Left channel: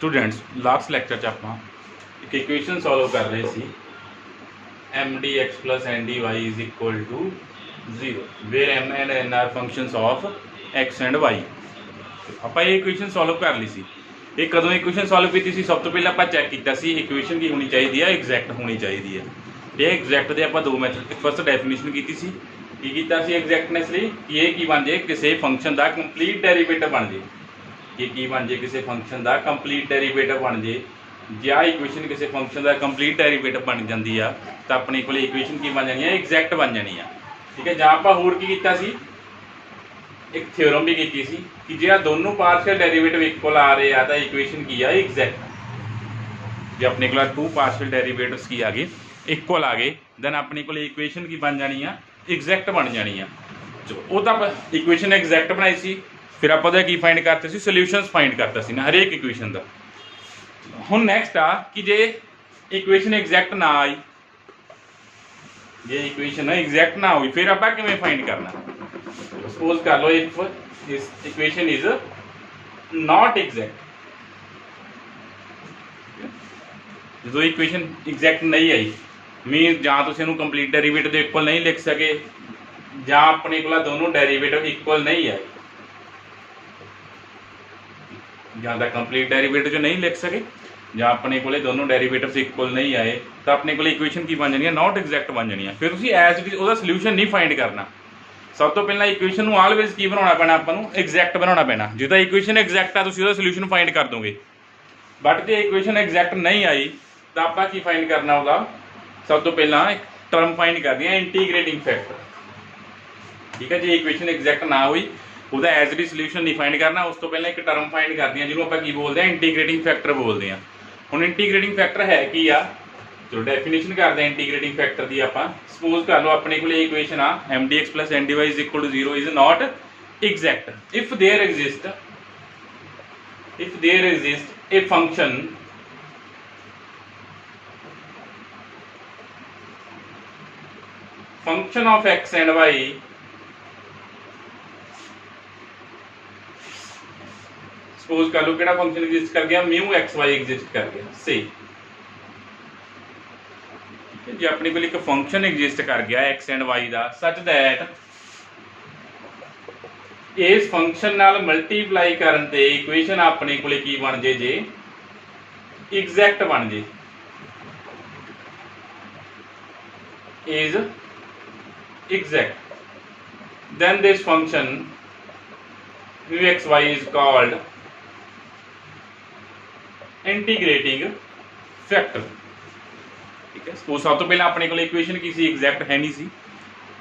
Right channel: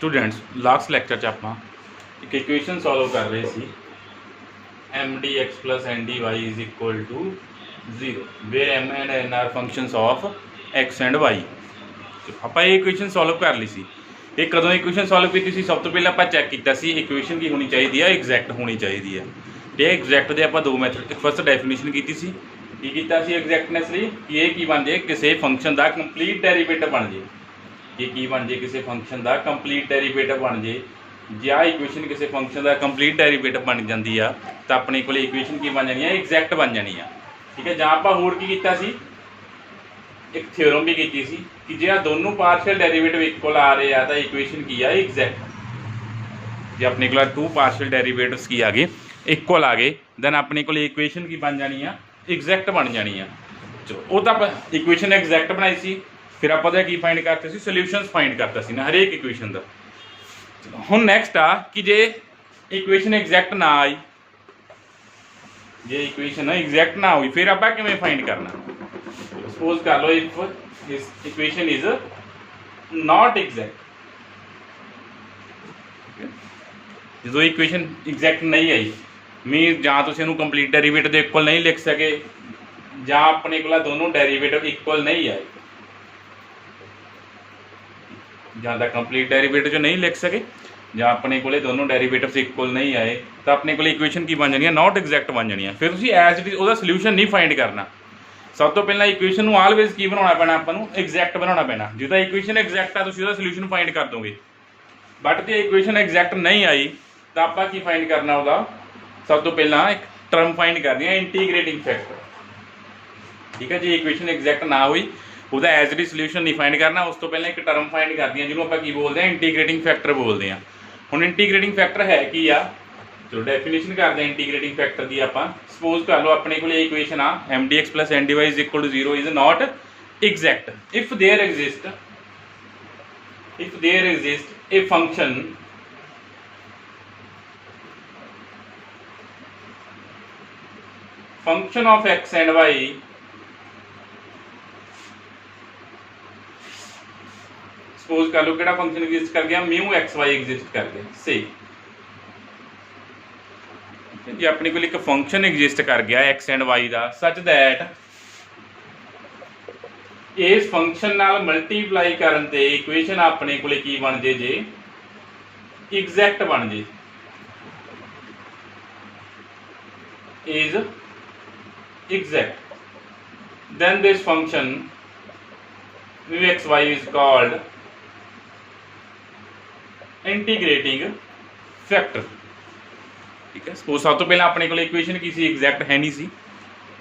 Students last lecture च आपां एक इक्वेशन सॉल्व कर रहे see M D x plus N D Y is equal to 0 where M and N are functions of X and Y. ਆਪਾਂ ਇਹ equation solve ਕਰ ਲਈ ਸੀ। ਇਹ ਕਦੋਂ ਇਕੁਏਸ਼ਨ ਸੋਲਵ ਕੀਤੀ ਸੀ? ਸਭ ਤੋਂ ਪਹਿਲਾਂ ਆਪਾਂ ਚੈੱਕ ਕੀਤਾ ਸੀ ਇਕੁਏਸ਼ਨ ਕੀ ਹੋਣੀ ਚਾਹੀਦੀ ਹੈ, ਐਗਜ਼ੈਕਟ ਹੋਣੀ ਚਾਹੀਦੀ ਹੈ। ਇਹ ਐਗਜ਼ੈਕਟ ਦੇ ਆਪਾਂ ਦੋ ਮੈਥਡ, ਫਸਟ ਡੈਫੀਨੇਸ਼ਨ ਕੀਤੀ ਸੀ। ਕੀ ਕੀਤਾ ਸੀ ਐਗਜ਼ੈਕਟਨੈਸ ਲਈ ਕਿ ਇਹ ਕੀ ਬਣ ਜੇ, ਕਿਸੇ ਫੰਕਸ਼ਨ ਦਾ ਕੰਪਲੀਟ ਡੈਰੀਵੇਟਿਵ ਬਣ ਜੇ। ਇਹ ਕੀ ਬਣ ਜੇ, ਕਿਸੇ ਫੰਕਸ਼ਨ ਦਾ ਕੰਪਲੀਟ ਡੈਰੀਵੇਟਿਵ ਬਣ ਜੇ। ਜੇ ਆ ਇਕੁਏਸ਼ਨ ਕਿਸੇ ਫੰਕਸ਼ਨ ਦਾ ਕੰਪਲੀਟ ਡੈਰੀਵੇਟਿਵ ਬਣ ਜਾਂਦੀ ਆ ਤਾਂ ਆਪਣੇ ਕੋਲ ਇਕੁਏਸ਼ਨ ਕੀ ਬਣ ਜਾਣੀ ਆ, ਐਗਜ਼ੈਕਟ ਬਣ ਜਾਣੀ ਆ। ਠੀਕ ਹੈ। ਜਾਂ ਆਪਾਂ ਹੋਰ ਕੀ ਕੀਤਾ ਸੀ, एक थ्योरम भी की सी कि जे दोनों पार्शियल डेरिवेटिव इक्वल आ रहे हैं तो इक्वेशन की है एग्जैक्ट। जे अपने को टू पार्शियल डेरिवेटिव्स की आ गए इक्वल आ गए दैन अपने को इक्वेशन की बन जानी है, एग्जैक्ट बन जानी है। चलो वो तो आप इक्वेशन एग्जैक्ट बनाई सी, फिर आप की फाइंड करते सी, सोल्यूशंस फाइंड करते सी ना हरेक इक्वेशन का। चलो हुण नैक्सट आ कि जे इक्वेशन एग्जैक्ट ना आई, जे इक्वेशन एग्जैक्ट ना हुई फिर आप किवें फाइंड करना। सपोज कर लो if this equation is not exact, जो इक्वेशन एग्जैक्ट नहीं आई मीन जां तुसीं इहनूं कंप्लीट डेरिवेटिव दे इक्वल नहीं लिख सके, जां अपने कोल दोनों डेरिवेटिव इक्वल नहीं आए, जां तां कंप्लीट डेरिवेटिव जो नहीं लिख सके, जां अपने कोल दोनों डेरिवेटिव्स इक्वल नहीं आए तो अपने कोल इक्वेशन की बन जानी है, नॉट एग्जैक्ट बन जानी है। फिर तुसीं एज इट इज उहदा सोल्यूशन नहीं फाइंड करना। सब तो पहला इक्वेशन ਨੂੰ ਆਲਵੇਜ਼ ਕੀ ਬਣਾਉਣਾ ਪੈਣਾ, ਆਪਾਂ ਨੂੰ ਐਗਜ਼ੈਕਟ ਬਣਾਉਣਾ ਪੈਣਾ। ਜੇ ਤਾਂ ਇਕੁਏਸ਼ਨ ਐਗਜ਼ੈਕਟ ਆ ਤੁਸੀਂ ਉਹਦਾ ਸੋਲੂਸ਼ਨ ਫਾਈਂਡ ਕਰ ਦੋਗੇ, ਬਟ ਜੇ ਇਕੁਏਸ਼ਨ ਐਗਜ਼ੈਕਟ ਨਹੀਂ ਆਈ ਤਾਂ ਆਪਾਂ ਕੀ ਫਾਈਂਡ ਕਰਨਾ ਉਹਦਾ? ਸਭ ਤੋਂ ਪਹਿਲਾਂ ਇੱਕ ਟਰਮ ਫਾਈਂਡ ਕਰਨੀ ਹੈ, ਇੰਟੀਗ੍ਰੇਟਿੰਗ ਫੈਕਟਰ। ਠੀਕ ਹੈ। ਜੇ ਇਕੁਏਸ਼ਨ ਐਗਜ਼ੈਕਟ ਨਾ ਹੋਈ ਉਹਦਾ ਐਜ਼ ਇਟ ਇਜ਼ ਸੋਲੂਸ਼ਨ ਨਹੀਂ ਫਾਈਂਡ ਕਰਨਾ, ਉਸ ਤੋਂ ਪਹਿਲਾਂ ਇੱਕ ਟਰਮ ਫਾਈਂਡ ਕਰਦੀ ਹਾਂ ਜਿਹਨੂੰ ਆਪਾਂ ਕੀ ਬੋਲਦੇ ਹਾਂ, ਇੰਟੀਗ੍ਰੇਟਿੰਗ ਫੈਕਟਰ ਬੋਲਦੇ ਹਾਂ। ਹੁਣ ਇੰਟੀਗ੍ਰੇਟਿੰਗ ਫੈਕਟਰ ਹੈ ਕੀ ਆ? चलो डेफिनेशन करते हैं इंटीग्रेटिंग फैक्टर की। आप सपोज कर लो अपने को इक्वेशन आ M D x plus N D Y is equal to 0 is not exact if there exist a function of X and Y suppose कर लो कि फंक्शन एग्जिस्ट कर गया, म्यू एक्स वाई एग्जिस्ट कर गया। सही, जी अपने को एक फंक्शन एग्जिस्ट कर गया एक्स एंड वाई का सच दैट इस फंक्शन नाल मल्टीप्लाई करन ते इक्वेशन अपने को की बन जे, जे एग्जैक्ट बन जे, is exact, then this function mu X Y is called integrating factor. ठीक है। सपोज सब तो पहले अपने को इक्वेशन की सी एग्जैक्ट है नहीं सी,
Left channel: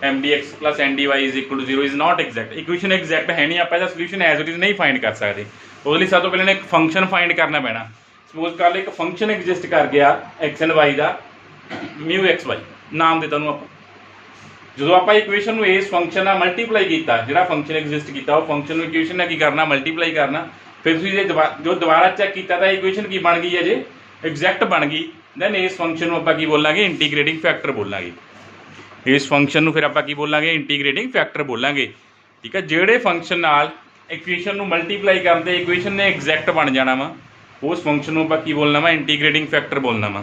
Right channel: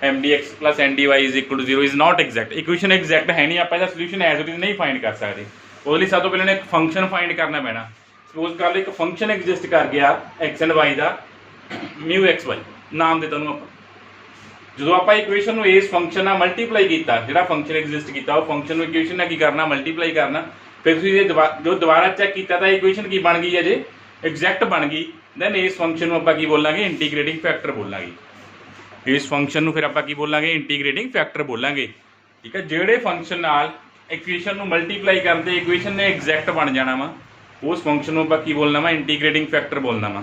M D x plus N D Y is equal to 0 is not exact. Equation exact है नहीं, आप इसका सोल्यूशन एज इट इज नहीं फाइंड कर सकते। उसके सब तो पहले एक फंक्शन फाइंड करना पैना। सपोज कर लो एक फंक्शन एग्जिस्ट कर गया एक्स एंड वाई का, म्यू एक्स वाई नाम देता हूँ आप। जो आप इक्वेशन इस फंक्शन मल्टीप्लाई किया, जो फंक्शन एग्जिस्ट किया वो फंक्शन इक्वेशन की करना मल्टीप्लाई करना, फिर जो दोबारा चेक किया तो इक्वेशन की बन गई है, जे एग्जैक्ट बन गई, दैन इस फंक्शन को आप बोलांगे इंटीग्रेटिंग फैक्टर बोलांगे। इस फंक्शन को फिर आप बोलांगे इंटीग्रेटिंग फैक्टर बोलांगे। ठीक है। जेड़े फंक्शन नाल इक्वेशन को मल्टीप्लाई करते इक्वेशन ने एग्जैक्ट बन जाना वा, उस फंक्शन को आप बोलना वा इंटीग्रेटिंग फैक्टर बोलना वा।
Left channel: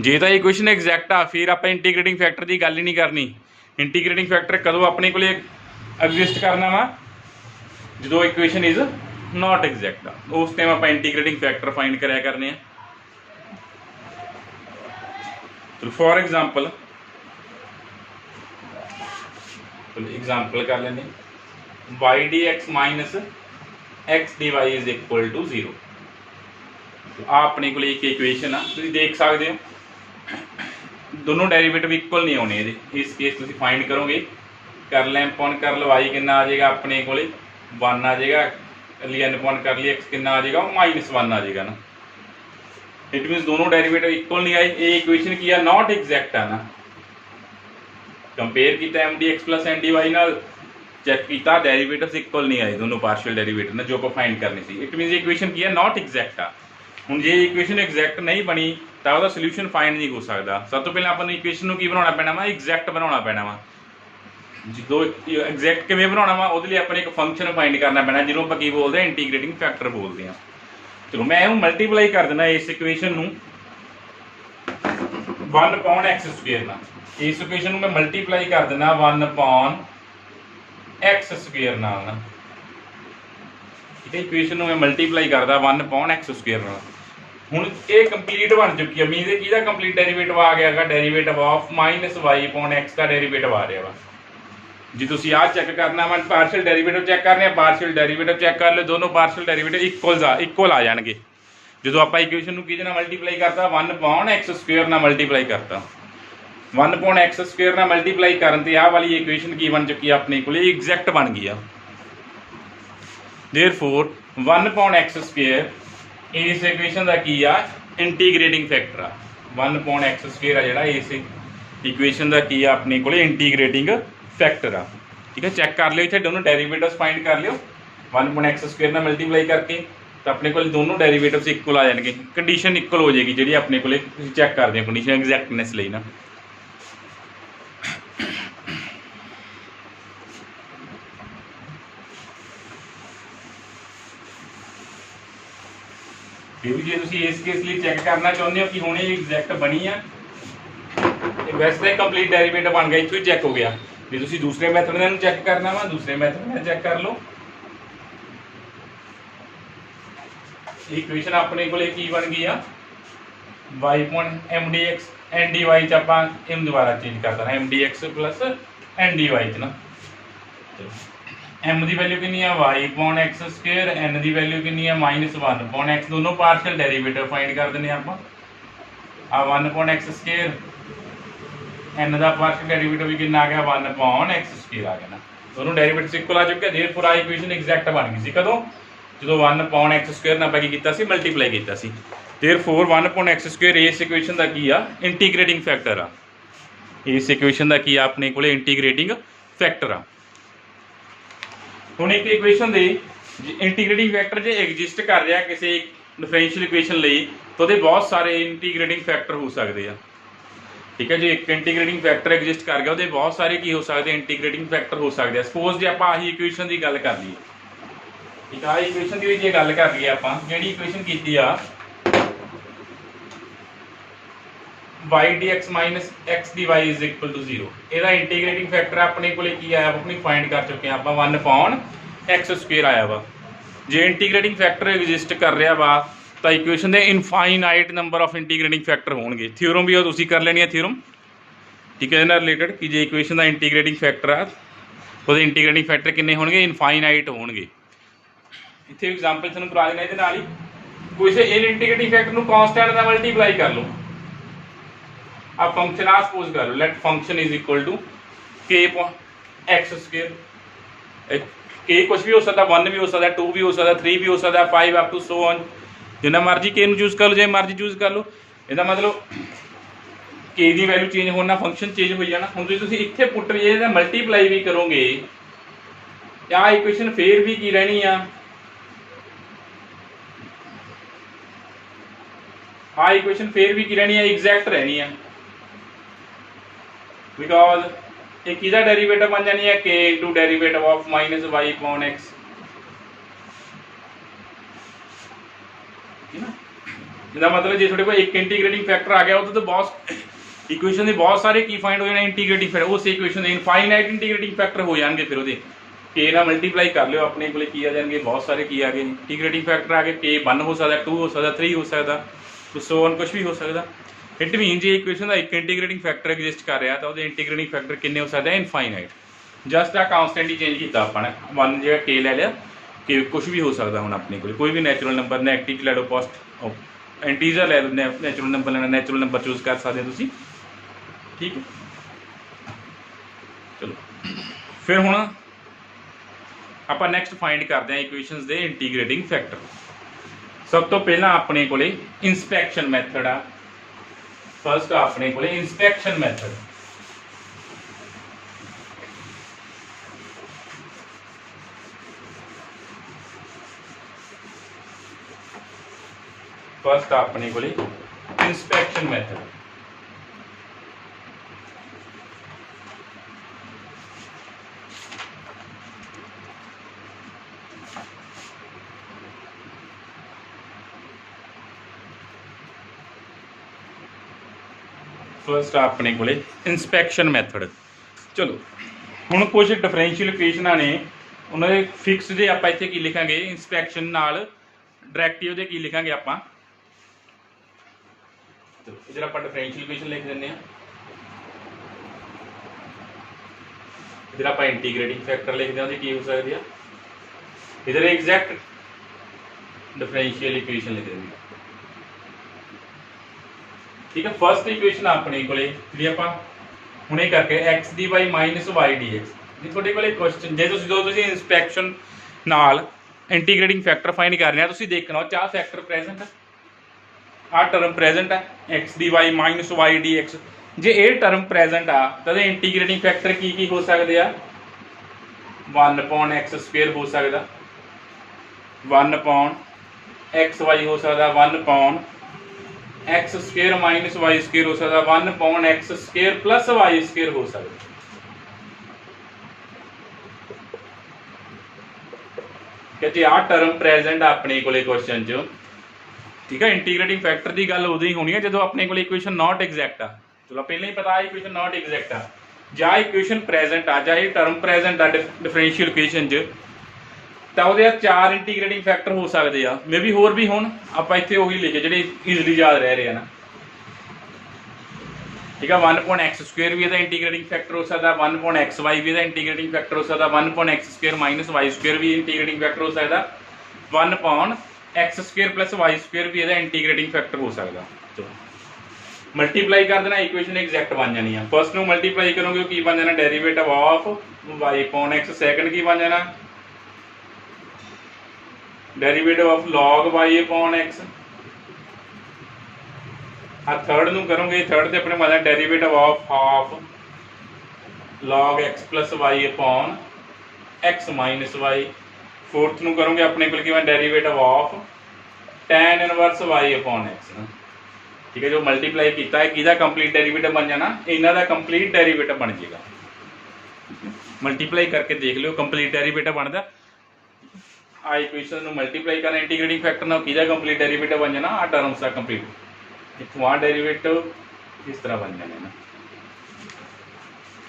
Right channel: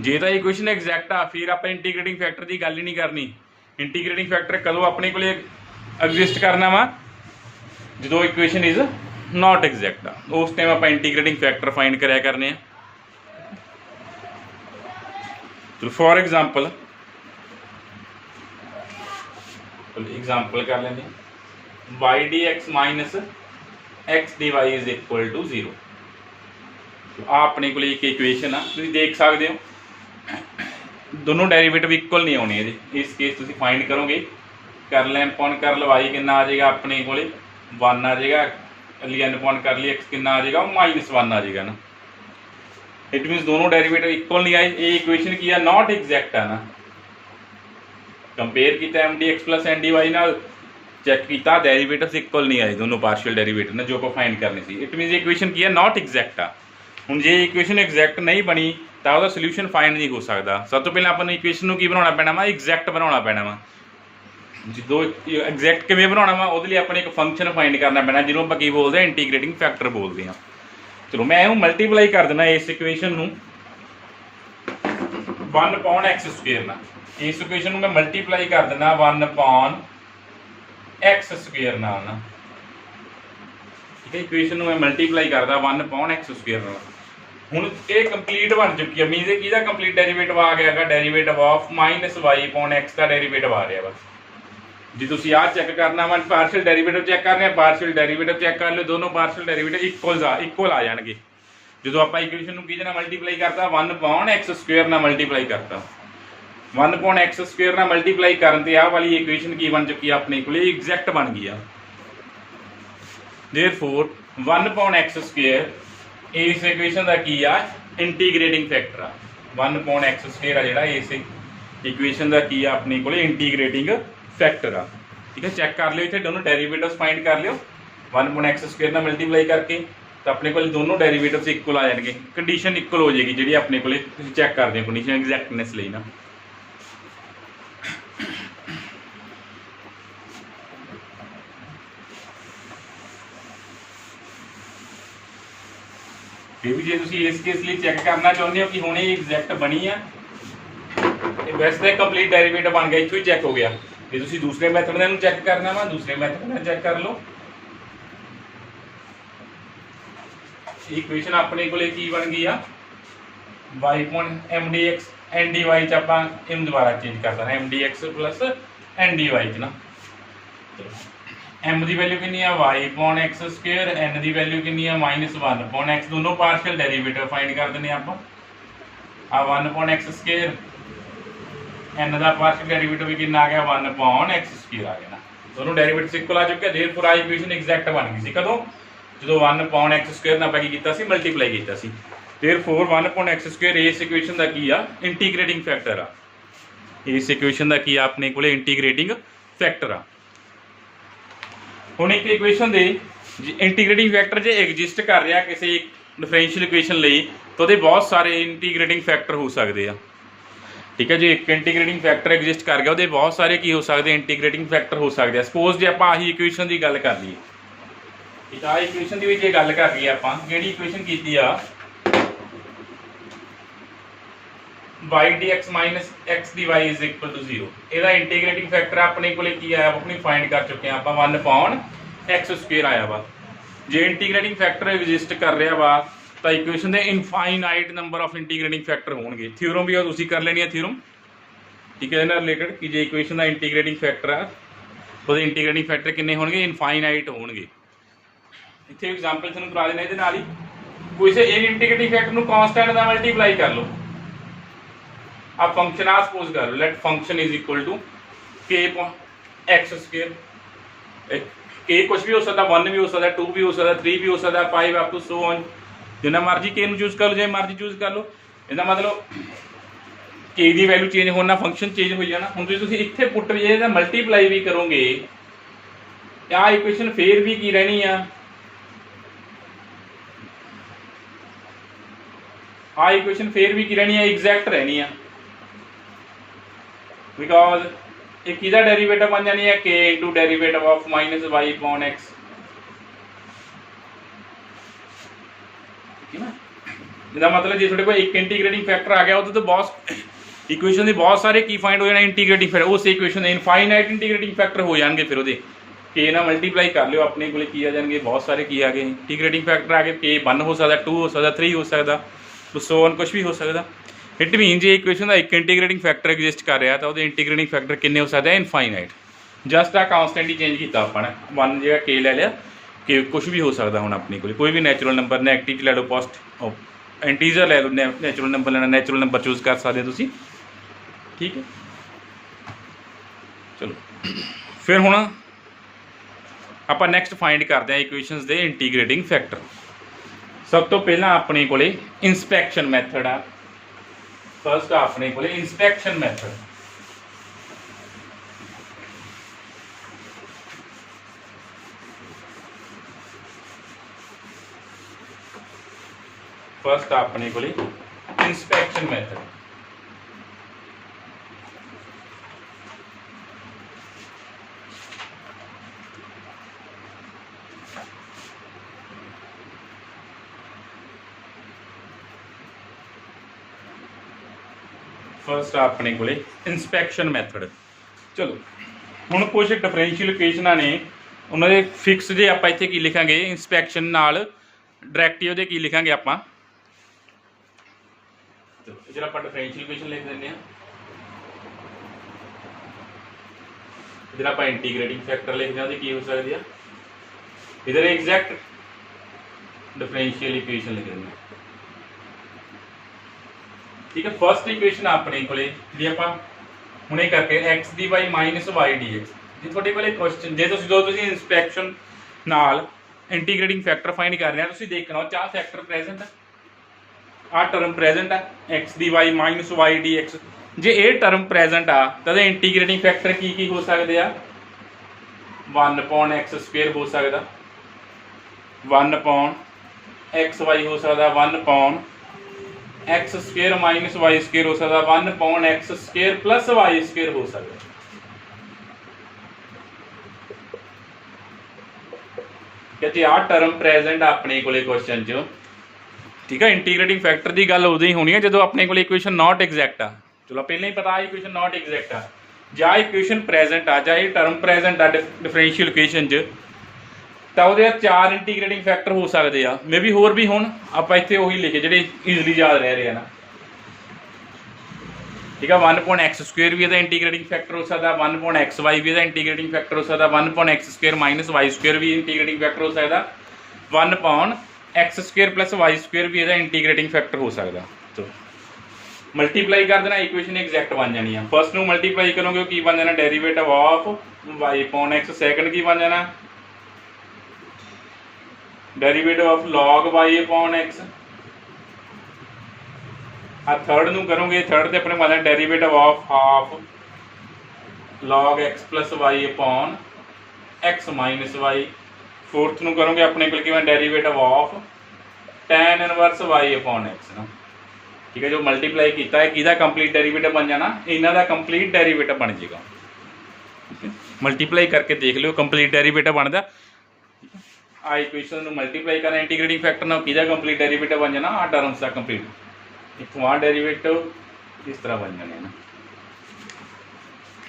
जे तो इक्वेशन एग्जैक्ट आ फिर आप इंटीग्रेटिंग फैक्टर की गल ही नहीं करनी। इंटीग्रेटिंग फैक्टर कदों अपने को एग्जिस्ट करना वा, जो इक्वेशन इज नॉट एग्जैक्ट आ, उस टाइम आप इंटीग्रेटिंग फैक्टर फाइंड कराया करने। तो फॉर एग्जाम्पल कर लेंगे Y D X minus X D Y is equal to 0। तो अपने को एक इक्वेशन आ, तुम देख सकते हो दोनों डेरिवेटिव इक्वल नहीं होने। इस केस तुम फाइंड करोगे, कर लें पॉन कर लो वाई कितना आ जाएगा अपने को 1 आ जाएगा, लियन पॉन कर लिया एक्स कितना आ जाएगा -1 आ जाएगा ना। इट मीन दोनों डेरिवेटिव इक्वल नहीं आए, ये इक्वेशन की है नॉट एग्जैक्ट है ना। कंपेयर किया M D x plus N D Y नाल, चेक किया डेरिवेटिव्स इक्वल नहीं आए, दोनों पार्शियल डेरिवेटिव ना जो को फाइंड करनी सी। इट मीन इक्वेशन की है नॉट एग्जैक्ट आ। हुण जे इक्वेशन एग्जैक्ट नहीं बनी तो उसका सोल्यूशन फाइंड नहीं हो सकता। सब तो पहले अपन इक्वेशन को की बनाना पैना वा, एग्जैक्ट बनाना पैना वा। जो एग्जैक्ट किवें बनाना वा, उसदे लई अपने एक फंक्शन फाइंड करना पैना, जिन्होंने आपां की बोलते हैं इंटीग्रेटिंग फैक्टर बोलते हैं। चलो मैं इहनूं मल्टीप्लाई कर देना इस इक्वेशन नूं 1/x² नाल। इस इक्वेशन नूं मैं मल्टीप्लाई कर देना 1/x² नाल ना, ठीक है। इक्वेशन नूं मैं मल्टीप्लाई करदा 1/x² नाल। हुण ये कंप्लीट बन चुकी है, मीन किहदा कंप्लीट डेरीवेटिव आ गया, डेरीवेटिव ऑफ -y/x का डेरीवेटिव आ रहा वा। जी तुसीं आ चैक करना वा, पार्शियल डेरीवेटिव चैक करने, पार्शियल डेरीवेटिव चैक कर लो, दोनों पार्शियल डेरीवेटिव इक्वल आ जाएंगे जो आप इक्वेशन नूं किहदे नाल मल्टीप्लाई करता 1/x² नाल मल्टीप्लाई करता। 1/x² नाल मल्टीप्लाई करन ते आ वाली इक्वेशन की बन चुकी है अपने को एग्जैक्ट बन गई है। देयरफॉर 1/x² इस इक्वेशन का की आ इंटीग्रेटिंग फैक्टर आ। 1/x² आ जिहड़ा इस इक्वेशन का की आ अपने को इंटीग्रेटिंग फैक्टर आ, ठीक है। चैक कर लियो, इत्थे दोनों डेरीवेटिव्स फाइंड कर लियो 1/x² नाल मल्टीप्लाई करके, तो अपने को दोनों डेरीवेटिव्स इक्वल आ जाएंगे, कंडीशन इक्वल हो जाएगी जी अपने को चैक करते हैं कंडीशन एग्जैक्टनेस लिए ना। फिर भी जो तुम इस केस लिए चैक करना चाहते हो कि हुणे एग्जैक्ट बनी है, वैसे तो कंप्लीट डेरीवेटिव बन गया, इत्थों चैक हो गया। जो तुम दूसरे मैथड में चैक करना वा, दूसरे मैथड में चैक कर लो। इक्वेशन अपने को की बन गई आ y/mdx ndy च आपां इन दोबारा चेंज कर देना mdx प्लस ndy च ना। m की वैल्यू कितनी है y/x², n की वैल्यू कितनी है -1/x, दोनों पार्शियल डेरीवेटिव फाइंड कर देने आप। 1/x², n का पार्शियल डेरीवेटिव भी कितना आ गया 1/x² आ गया ना, दोनों डेरीवेटिव्स इक्वल आ चुके। देयरफॉर आ इक्वेशन एग्जैक्ट बन गई सी कदों, जो 1/x² नाल की कीता सी मल्टीप्लाई कीता सी। देयरफॉर 1/x² इस इक्वेशन का की आ इंटीग्रेटिंग फैक्टर आ। इस इक्वेशन का की आ अपने को इंटीग्रेटिंग फैक्टर आ। हुण एक इक्वेशन दे इंटीग्रेटिंग फैक्टर जो एग्जिस्ट कर रहा किसी डिफरेंशियल इक्वेशन लिए, तो वो बहुत सारे इंटीग्रेटिंग फैक्टर हो सकते हैं, ठीक है जी। एक इंटीग्रेटिंग फैक्टर एग्जिस्ट कर गया, वो बहुत सारे की हो सकते इंटीग्रेटिंग फैक्टर हो सकते हैं। सपोज जो आप आही इक्वेशन की गल कर लीए, ठीक है, इक्वेशन की गल कर लीए आप जी इक्वेशन की y dx minus x dy is equal to 0, ਇਹਦਾ इंटीग्रेटिंग फैक्टर अपने को की आया अपनी फाइंड कर चुके हैं आप 1/x² आया वा। जे इंटीग्रेटिंग फैक्टर एग्जिस्ट कर रहा वा तो इक्वेशन के infinite number of integrating factor होंगे। थ्योरम भी तुम कर लेनी है थ्योरम, ठीक है, रिलेटेड कि जे इक्वेशन का इंटीग्रेटिंग फैक्टर आ तो इंटीग्रेटिंग फैक्टर कितने होंगे इनफाइनाइट होंगे। इतने एग्जाम्पल तुम करा देना ये ही, किसी इन इंटीग्रेटिंग फैक्टर को कॉन्स्टेंट का मल्टीप्लाई कर लो। अब फंक्शन आ सपोज कर लो, let function is equal to k/x²। के कुछ भी हो सकता, 1 भी हो सकता, 2 भी हो सकता, 3 भी हो सकता, 5 अप टू सो ऑन, जिन्ना मर्जी के चूज कर लो, जो मर्जी चूज कर लो। इसका मतलब के की वैल्यू चेंज होना, फंक्शन चेंज हो जाना। हम तुम इतने पुट ये मल्टीप्लाई भी करोगे आ इक्वेशन फिर भी की रहनी आ इक्वेशन फिर भी की रहनी है एग्जैक्ट रहनी है, बिकॉज एक किहदा डेरीवेटिव बन जानी है k into derivative of -y/x, ठीक है ना। इसका मतलब जो थोड़े को एक इंटीग्रेटिंग फैक्टर आ गया तो बहुत इक्वेशन के बहुत सारे की फाइंड हो जाने इंटीग्रेटिंग फैक्टर, उस इक्वेशन इनफाइनाइट इंटीग्रेटिंग फैक्टर हो जाएंगे। फिर वो के ना मल्टीप्लाई कर लो अपने को की आ जाएंगे, बहुत सारे की आ गए इंटीग्रेटिंग फैक्टर आ गए। के 1 हो सकता, 2 हो सकता, 3 हो सकता, तो सो ऑन कुछ भी हो सकता। इट मीन जो इक्वेशन का एक इंटीग्रेटिंग फैक्टर एग्जिस्ट कर रहा तो इंटीग्रेटिंग फैक्टर कितने हो सकते हैं इनफाइनाइट। जस्ट आ कांस्टेंट ही चेंज किया अपने 1 जो के ले लिया, कि कुछ भी हो सकता हूँ अपने को कोई भी नैचुरल नंबर नेगेटिव ले लो, पॉजिटिव इंटीजर ले लो, नैचुरल नंबर लेना नैचुरल नंबर चूज कर सकते हो तुम, ठीक है। चलो फिर हुण आप नैक्सट फाइंड करते हैं इक्वेशनस के इंटीग्रेटिंग फैक्टर। सब तो पहला अपने को इंस्पैक्शन मैथड आ। फर्स्ट अपने को इंस्पैक्शन मैथड, फर्स्ट अपने को इंस्पैक्शन मैथड। फस्ट अपने को इंस्पैक्शन मैथड। चलो हुण कुछ डिफरेंशियल इक्वेशनां ने उन्होंने फिक्स जे आप इत्थे की लिखांगे इंस्पैक्शन नाल डायरैक्टिव दे की लिखांगे आपां। इधर आप डिफरेंशियल इक्वेशन लिख देंगे, इधर आप इंटीग्रेटिंग फैक्टर लिख दें की हो सकती है, इधर एग्जैक्ट डिफरेंशियल इक्वेशन लिख देंगे। ठीक है, फर्स्ट इक्वेशन अपने को हुणे करके X D Y minus Y D X. जी थोड़े को क्वेश्चन जो इंस्पैक्शन नाल इंटीग्रेटिंग फैक्टर फाइंड कर रहे हैं, तुसीं देखना चाह फैक्टर प्रेजेंट आ टर्म प्रेजेंट आ X D Y minus Y D X. जे ये टर्म प्रेजेंट आ तो इंटीग्रेटिंग फैक्टर की हो सकते हैं, 1/x² हो सकता, 1/xy हो सकता, 1/x² माइनस y² हो सकता, 1/x² प्लस y² हो सकता। जी आ टर्म प्रेजेंट अपने को क्वेश्चन च। ठीक है, इंटीग्रेटिंग फैक्टर की गल उदों ही होनी है जो अपने को इक्वेशन नॉट एग्जैक्ट आ। चलो पहले ही पता इक्वेशन नॉट एग्जैक्ट आ, जा इक्वेशन प्रेजेंट आ, चाहे टर्म प्रेजेंट आ डिफरेंशियल इक्वेशन च, तो वो 4 इंटीग्रेटिंग फैक्टर हो सकते हैं, मे बी होर भी होण, आप इत्थे वही लिखे जिहड़े ईजली याद रह रहे हैं ना। ठीक है, 1/x² भी इसका इंटीग्रेटिंग फैक्टर हो सकता, 1/xy भी इसका इंटीग्रेटिंग फैक्टर हो सकता, 1/x² माइनस y² भी इंटीग्रेटिंग फैक्टर हो सकता, 1/x² प्लस y² भी इसका इंटीग्रेटिंग फैक्टर हो सकता। तो मल्टीप्लाई कर देना, इक्वेशन एग्जैक्ट बन जानी है। फर्स्ट में मल्टीप्लाई करोगे की बन जाना डेरीवेटिव ऑफ y/x, सैकेंड की बन जाना derivative of log y/x, third नूं करोगे, थर्ड से अपने बन derivative of half log x plus y/x minus y। Fourth नूं करोगे अपने को derivative of tan inverse y/x। ठीक है, जो मल्टीप्लाई किया है किहदा कंप्लीट डेरीवेटिव बन जाना, इन्हां दा कंप्लीट डेरीवेटिव बन जाएगा। मल्टीप्लाई करके देख लो कंप्लीट डेरीवेटिव बनता। आ इक्वेशन नूं मल्टीप्लाई करना इंटीग्रेटिंग फैक्टर नाल किहदा कंप्लीट डेरीवेटिव बन जाना, आ टर्म्स का कंप्लीट इतों आ डेरीवेटिव इस तरह बन जाने।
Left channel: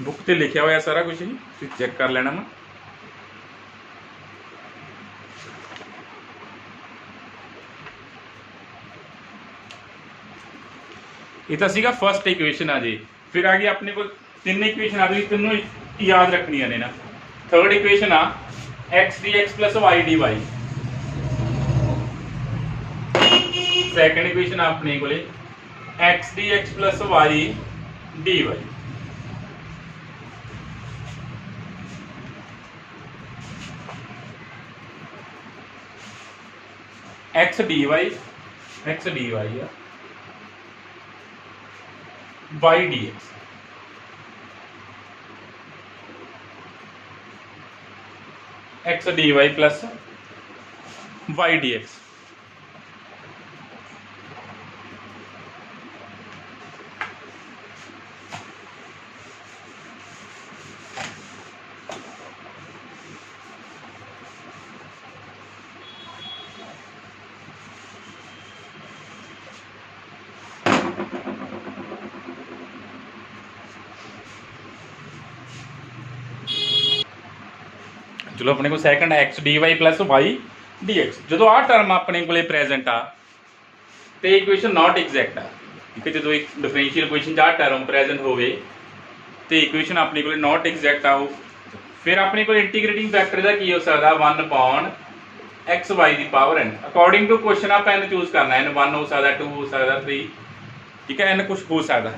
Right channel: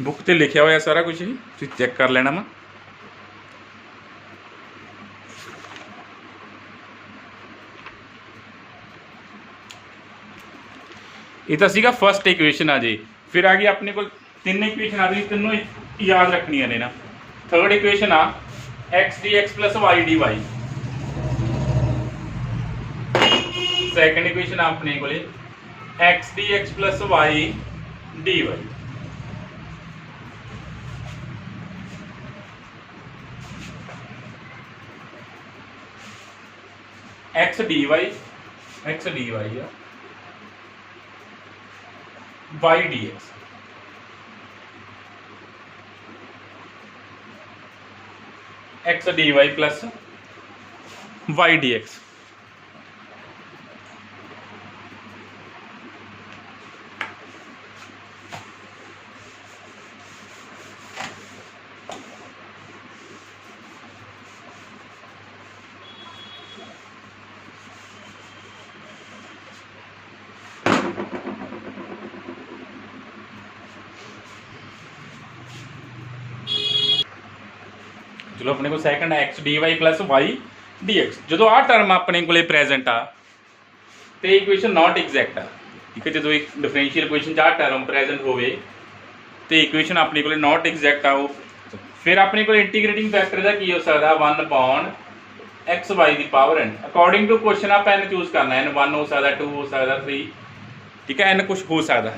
बुक ते लिखा हुआ सारा कुछ ही, तुसीं चेक कर लेना मैं। ये तो सीगा फर्स्ट इक्वेशन आ जी। फिर आ गई अपने को 3 इक्वेशन आ गई, तीनों याद रखनी है ना। थर्ड इक्वेशन आ X D x plus Y D Y. Second equation अपने को X D x plus Y D Y. X D Y है, Y D X, X D Y plus Y D X. चलो अपने को second X D Y plus Y D X, जो आ term अपने को प्रेजेंट आ तो इक्वेशन नॉट एग्जैक्ट आ। ठीक है, जो एक डिफरेंशियल इक्वेशन आ टर्म प्रेजेंट होवे तो इक्वेशन अपने को नॉट एग्जैक्ट आओ। फिर अपने को इंटीग्रेटिंग फैक्टर का की हो सकता 1/x/y दी power n। According to question आप n चूज करना, n 1 हो सकता, 2 हो सकता, 3। ठीक है, n कुछ हो सकता,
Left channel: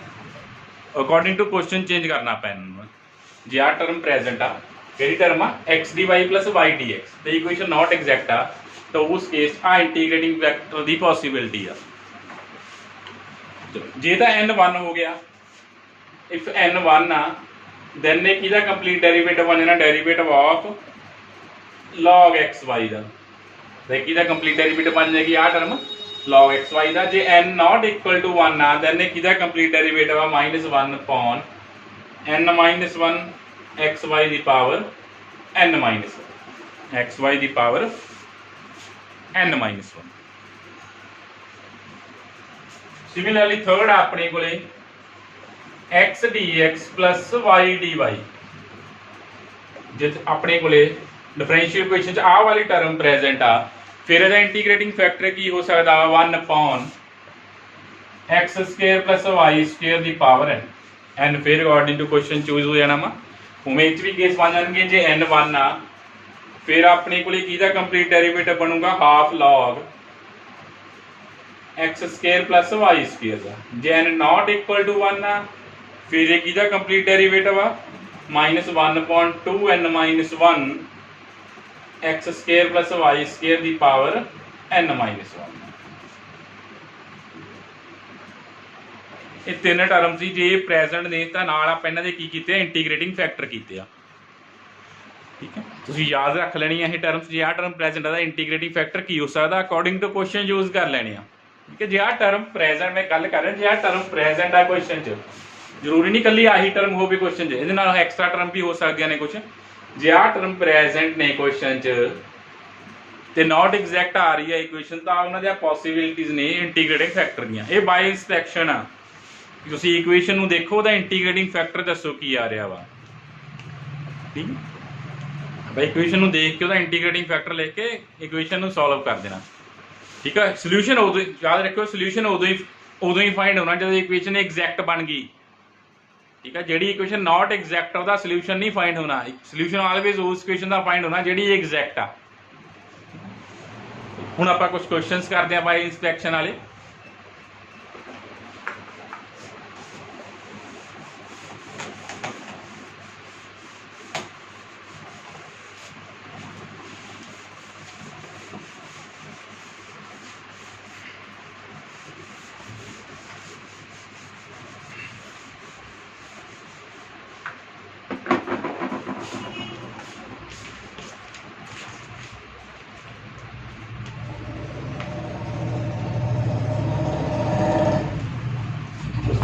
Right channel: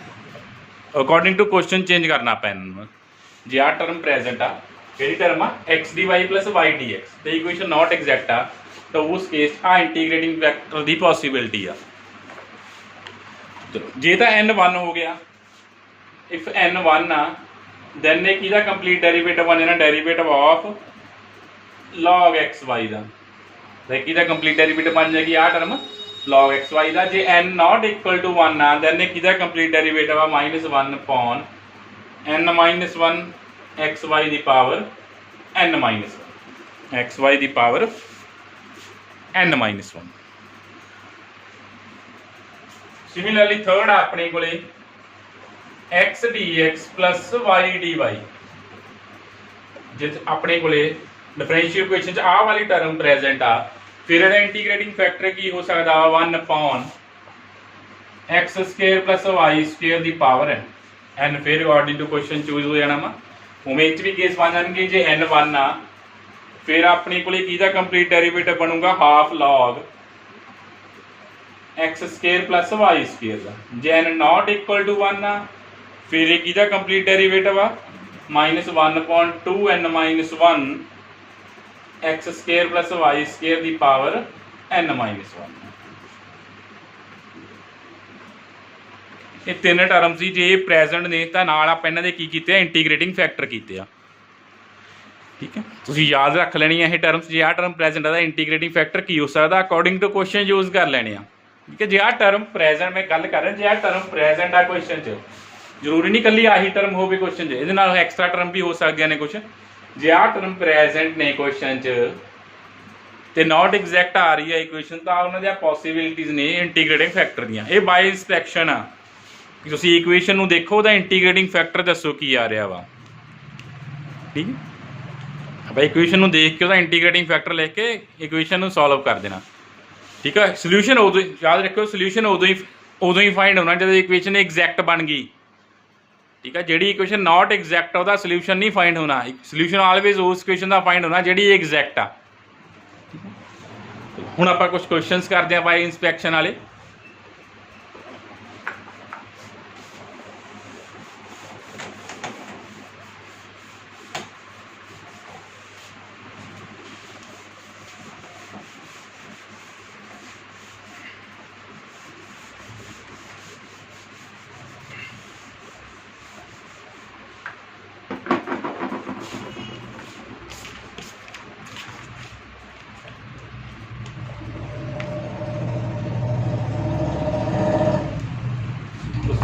अकॉर्डिंग टू क्वेश्चन चेंज करना आप n। जे आ टर्म प्रेजेंट आ कि टर्म आ X D Y plus Y D X, तो इक्वेशन नॉट एग्जैक्ट आ, तो उस केस आ इंटीग्रेटिंग फैक्टर की पॉसिबिलिटी आ। जे तो n 1 हो गया, इफ n 1 आ दैन ने किहदा कंप्लीट डेरीवेटिव बन जाना, derivative of log x y का। तो किहदा कंप्लीट डेरीवेटिव बन जाएगी आ टर्म log x y का। जे n नॉट इक्वल टू 1 आ दैन ने किहदा कंप्लीट डेरीवेटिव आ -1/n-1 एक्स वाई दी power n minus 1, X Y दी power n minus 1। Similarly third अपने को X D x plus Y D Y जे अपने को डिफरेंशियल इक्वेशन च आ वाली टर्म प्रेजेंट आ फिर ਇਹਦਾ इंटीग्रेटिंग फैक्टर की हो सकता 1/x² प्लस y² ਦੀ पावर n n फिर अकॉर्डिंग टू क्वेश्चन चूज हो जाना वा उमें इच भी केस बन जाएंगे जे n 1 आ फिर अपने को किहदा कंप्लीट डेरिवेटिव बनूगा half log x² plus y² का जे n नॉट इक्वल टू 1 आ फिर ये किहदा कंप्लीट डेरिवेटिव आ -1/2 n - 1 x² प्लस y² ਦੀ पावर n - 1 ਇਹ ਤਿੰਨ ਟਰਮ ਸੀ ਜੇ ਪ੍ਰੈਜ਼ੈਂਟ ਨੇ ਤਾਂ ਨਾਲ ਆਪਾਂ ਇਹਨਾਂ ਦੇ ਕੀ ਕੀਤੇ ਆ ਇੰਟੀਗ੍ਰੇਟਿੰਗ ਫੈਕਟਰ ਕੀਤੇ ਆ ਠੀਕ ਹੈ ਤੁਸੀਂ ਯਾਦ ਰੱਖ ਲੈਣੀ ਹੈ ਇਹ ਟਰਮਸ ਜੇ ਆ ਟਰਮ ਪ੍ਰੈਜ਼ੈਂਟ ਆ ਤਾਂ ਇੰਟੀਗ੍ਰੇਟਿੰਗ ਫੈਕਟਰ ਕੀ ਹੋ ਸਕਦਾ ਅਕੋਰਡਿੰਗ ਟੂ ਕੁਐਸਚਨ ਯੂਜ਼ ਕਰ ਲੈਣੇ ਆ ਠੀਕ ਹੈ ਜੇ ਆ ਟਰਮ ਪ੍ਰੈਜ਼ੈਂਟ ਮੈਂ ਗੱਲ ਕਰ ਰਿਹਾ ਜੇ ਆ ਟਰਮ ਪ੍ਰੈਜ਼ੈਂਟ ਆ ਕੁਐਸਚਨ 'ਚ ਜ਼ਰੂਰੀ ਨਹੀਂ ਕੱਲੀ ਆਹੀ ਟਰਮ ਹੋਵੇ ਕੁਐਸਚਨ 'ਚ ਇਹਦੇ ਨਾਲ ਐਕਸਟਰਾ ਟਰਮ ਵੀ ਹੋ ਸਕਦੀਆਂ ਨੇ ਕੁਝ ਜੇ ਆ ਟਰਮ ਪ੍ਰੈਜ਼ੈਂਟ ਨੇ ਕੁਐਸਚਨ 'ਚ ਤੇ ਨਾਟ ਐਗਜ਼ੈਕਟ ਆ ਰਹੀ ਹੈ ਇਕੁਏਸ਼ਨ ਤਾਂ ਉਹਨਾਂ ਦੀਆਂ ਪੋਸੀਬਿਲਿਟੀਜ਼ ਨੇ ਇੰਟੀਗ੍ਰੇਟਿੰਗ ਫੈਕਟਰ ਦੀਆਂ ਇਹ ਬਾਈ ਇੰਸਪੈਕਸ਼ਨ ਆ ਕਿ ਤੁਸੀਂ ਇਕੁਏਸ਼ਨ ਨੂੰ ਦੇਖੋ ਉਹਦਾ ਇੰਟੀਗ੍ਰੇਟਿੰਗ ਫੈਕਟਰ ਦੱਸੋ ਕੀ ਆ ਰਿਹਾ ਵਾ ਠੀਕ ਹੈ ਆਪਾਂ ਇਕੁਏਸ਼ਨ ਨੂੰ ਦੇਖ ਕੇ ਉਹਦਾ ਇੰਟੀਗ੍ਰੇਟਿੰਗ ਫੈਕਟਰ ਲਿਖ ਕੇ ਇਕੁਏਸ਼ਨ ਨੂੰ ਸੋਲਵ ਕਰ ਦੇਣਾ ਠੀਕ ਹੈ ਸੋਲੂਸ਼ਨ ਉਦੋਂ ਯਾਦ ਰੱਖਿਓ ਸੋਲੂਸ਼ਨ ਉਦੋਂ ਹੀ ਫਾਈਂਡ ਹੋਣਾ ਜਦੋਂ ਇਕੁਏਸ਼ਨ ਐਗਜ਼ੈਕਟ ਬਣ ਗਈ ठीक है ਜਿਹੜੀ ਇਕੁਏਸ਼ਨ ਨਾਟ ਐਗਜ਼ੈਕਟ ਉਹਦਾ ਸੋਲੂਸ਼ਨ ਨਹੀਂ ਫਾਈਂਡ ਹੋਣਾ ਸੋਲੂਸ਼ਨ ਆਲਵੇਜ਼ ਉਸ ਇਕੁਏਸ਼ਨ ਦਾ ਫਾਈਂਡ ਹੋਣਾ ਜਿਹੜੀ ਐਗਜ਼ੈਕਟ ਆ ਹੁਣ ਆਪਾਂ ਕੁਝ ਕੁਐਸਚਨਸ ਕਰਦੇ ਆ ਬਾਈ ਇੰਸਪੈਕਸ਼ਨ ਵਾਲੇ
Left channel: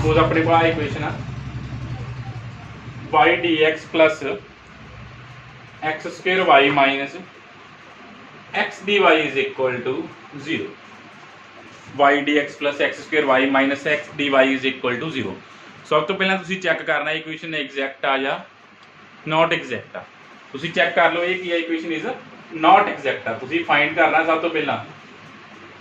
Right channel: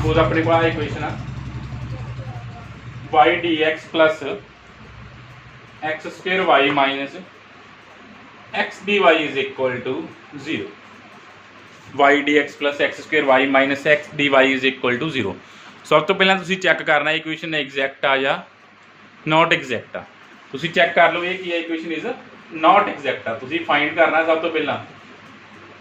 सपोज अपने को इक्वेशन आ y dx plus x² y minus x dy is equal to 0 y dx plus x² y minus x dy is equal to 0 सब तो पहला तुसी चेक करना इक्वेशन एग्जैक्ट आ या नॉट एग्जैक्ट आ तुसी चेक कर लो ये की है इक्वेशन इज नॉट एग्जैक्ट आ तुसी फाइंड करना सब तो पहला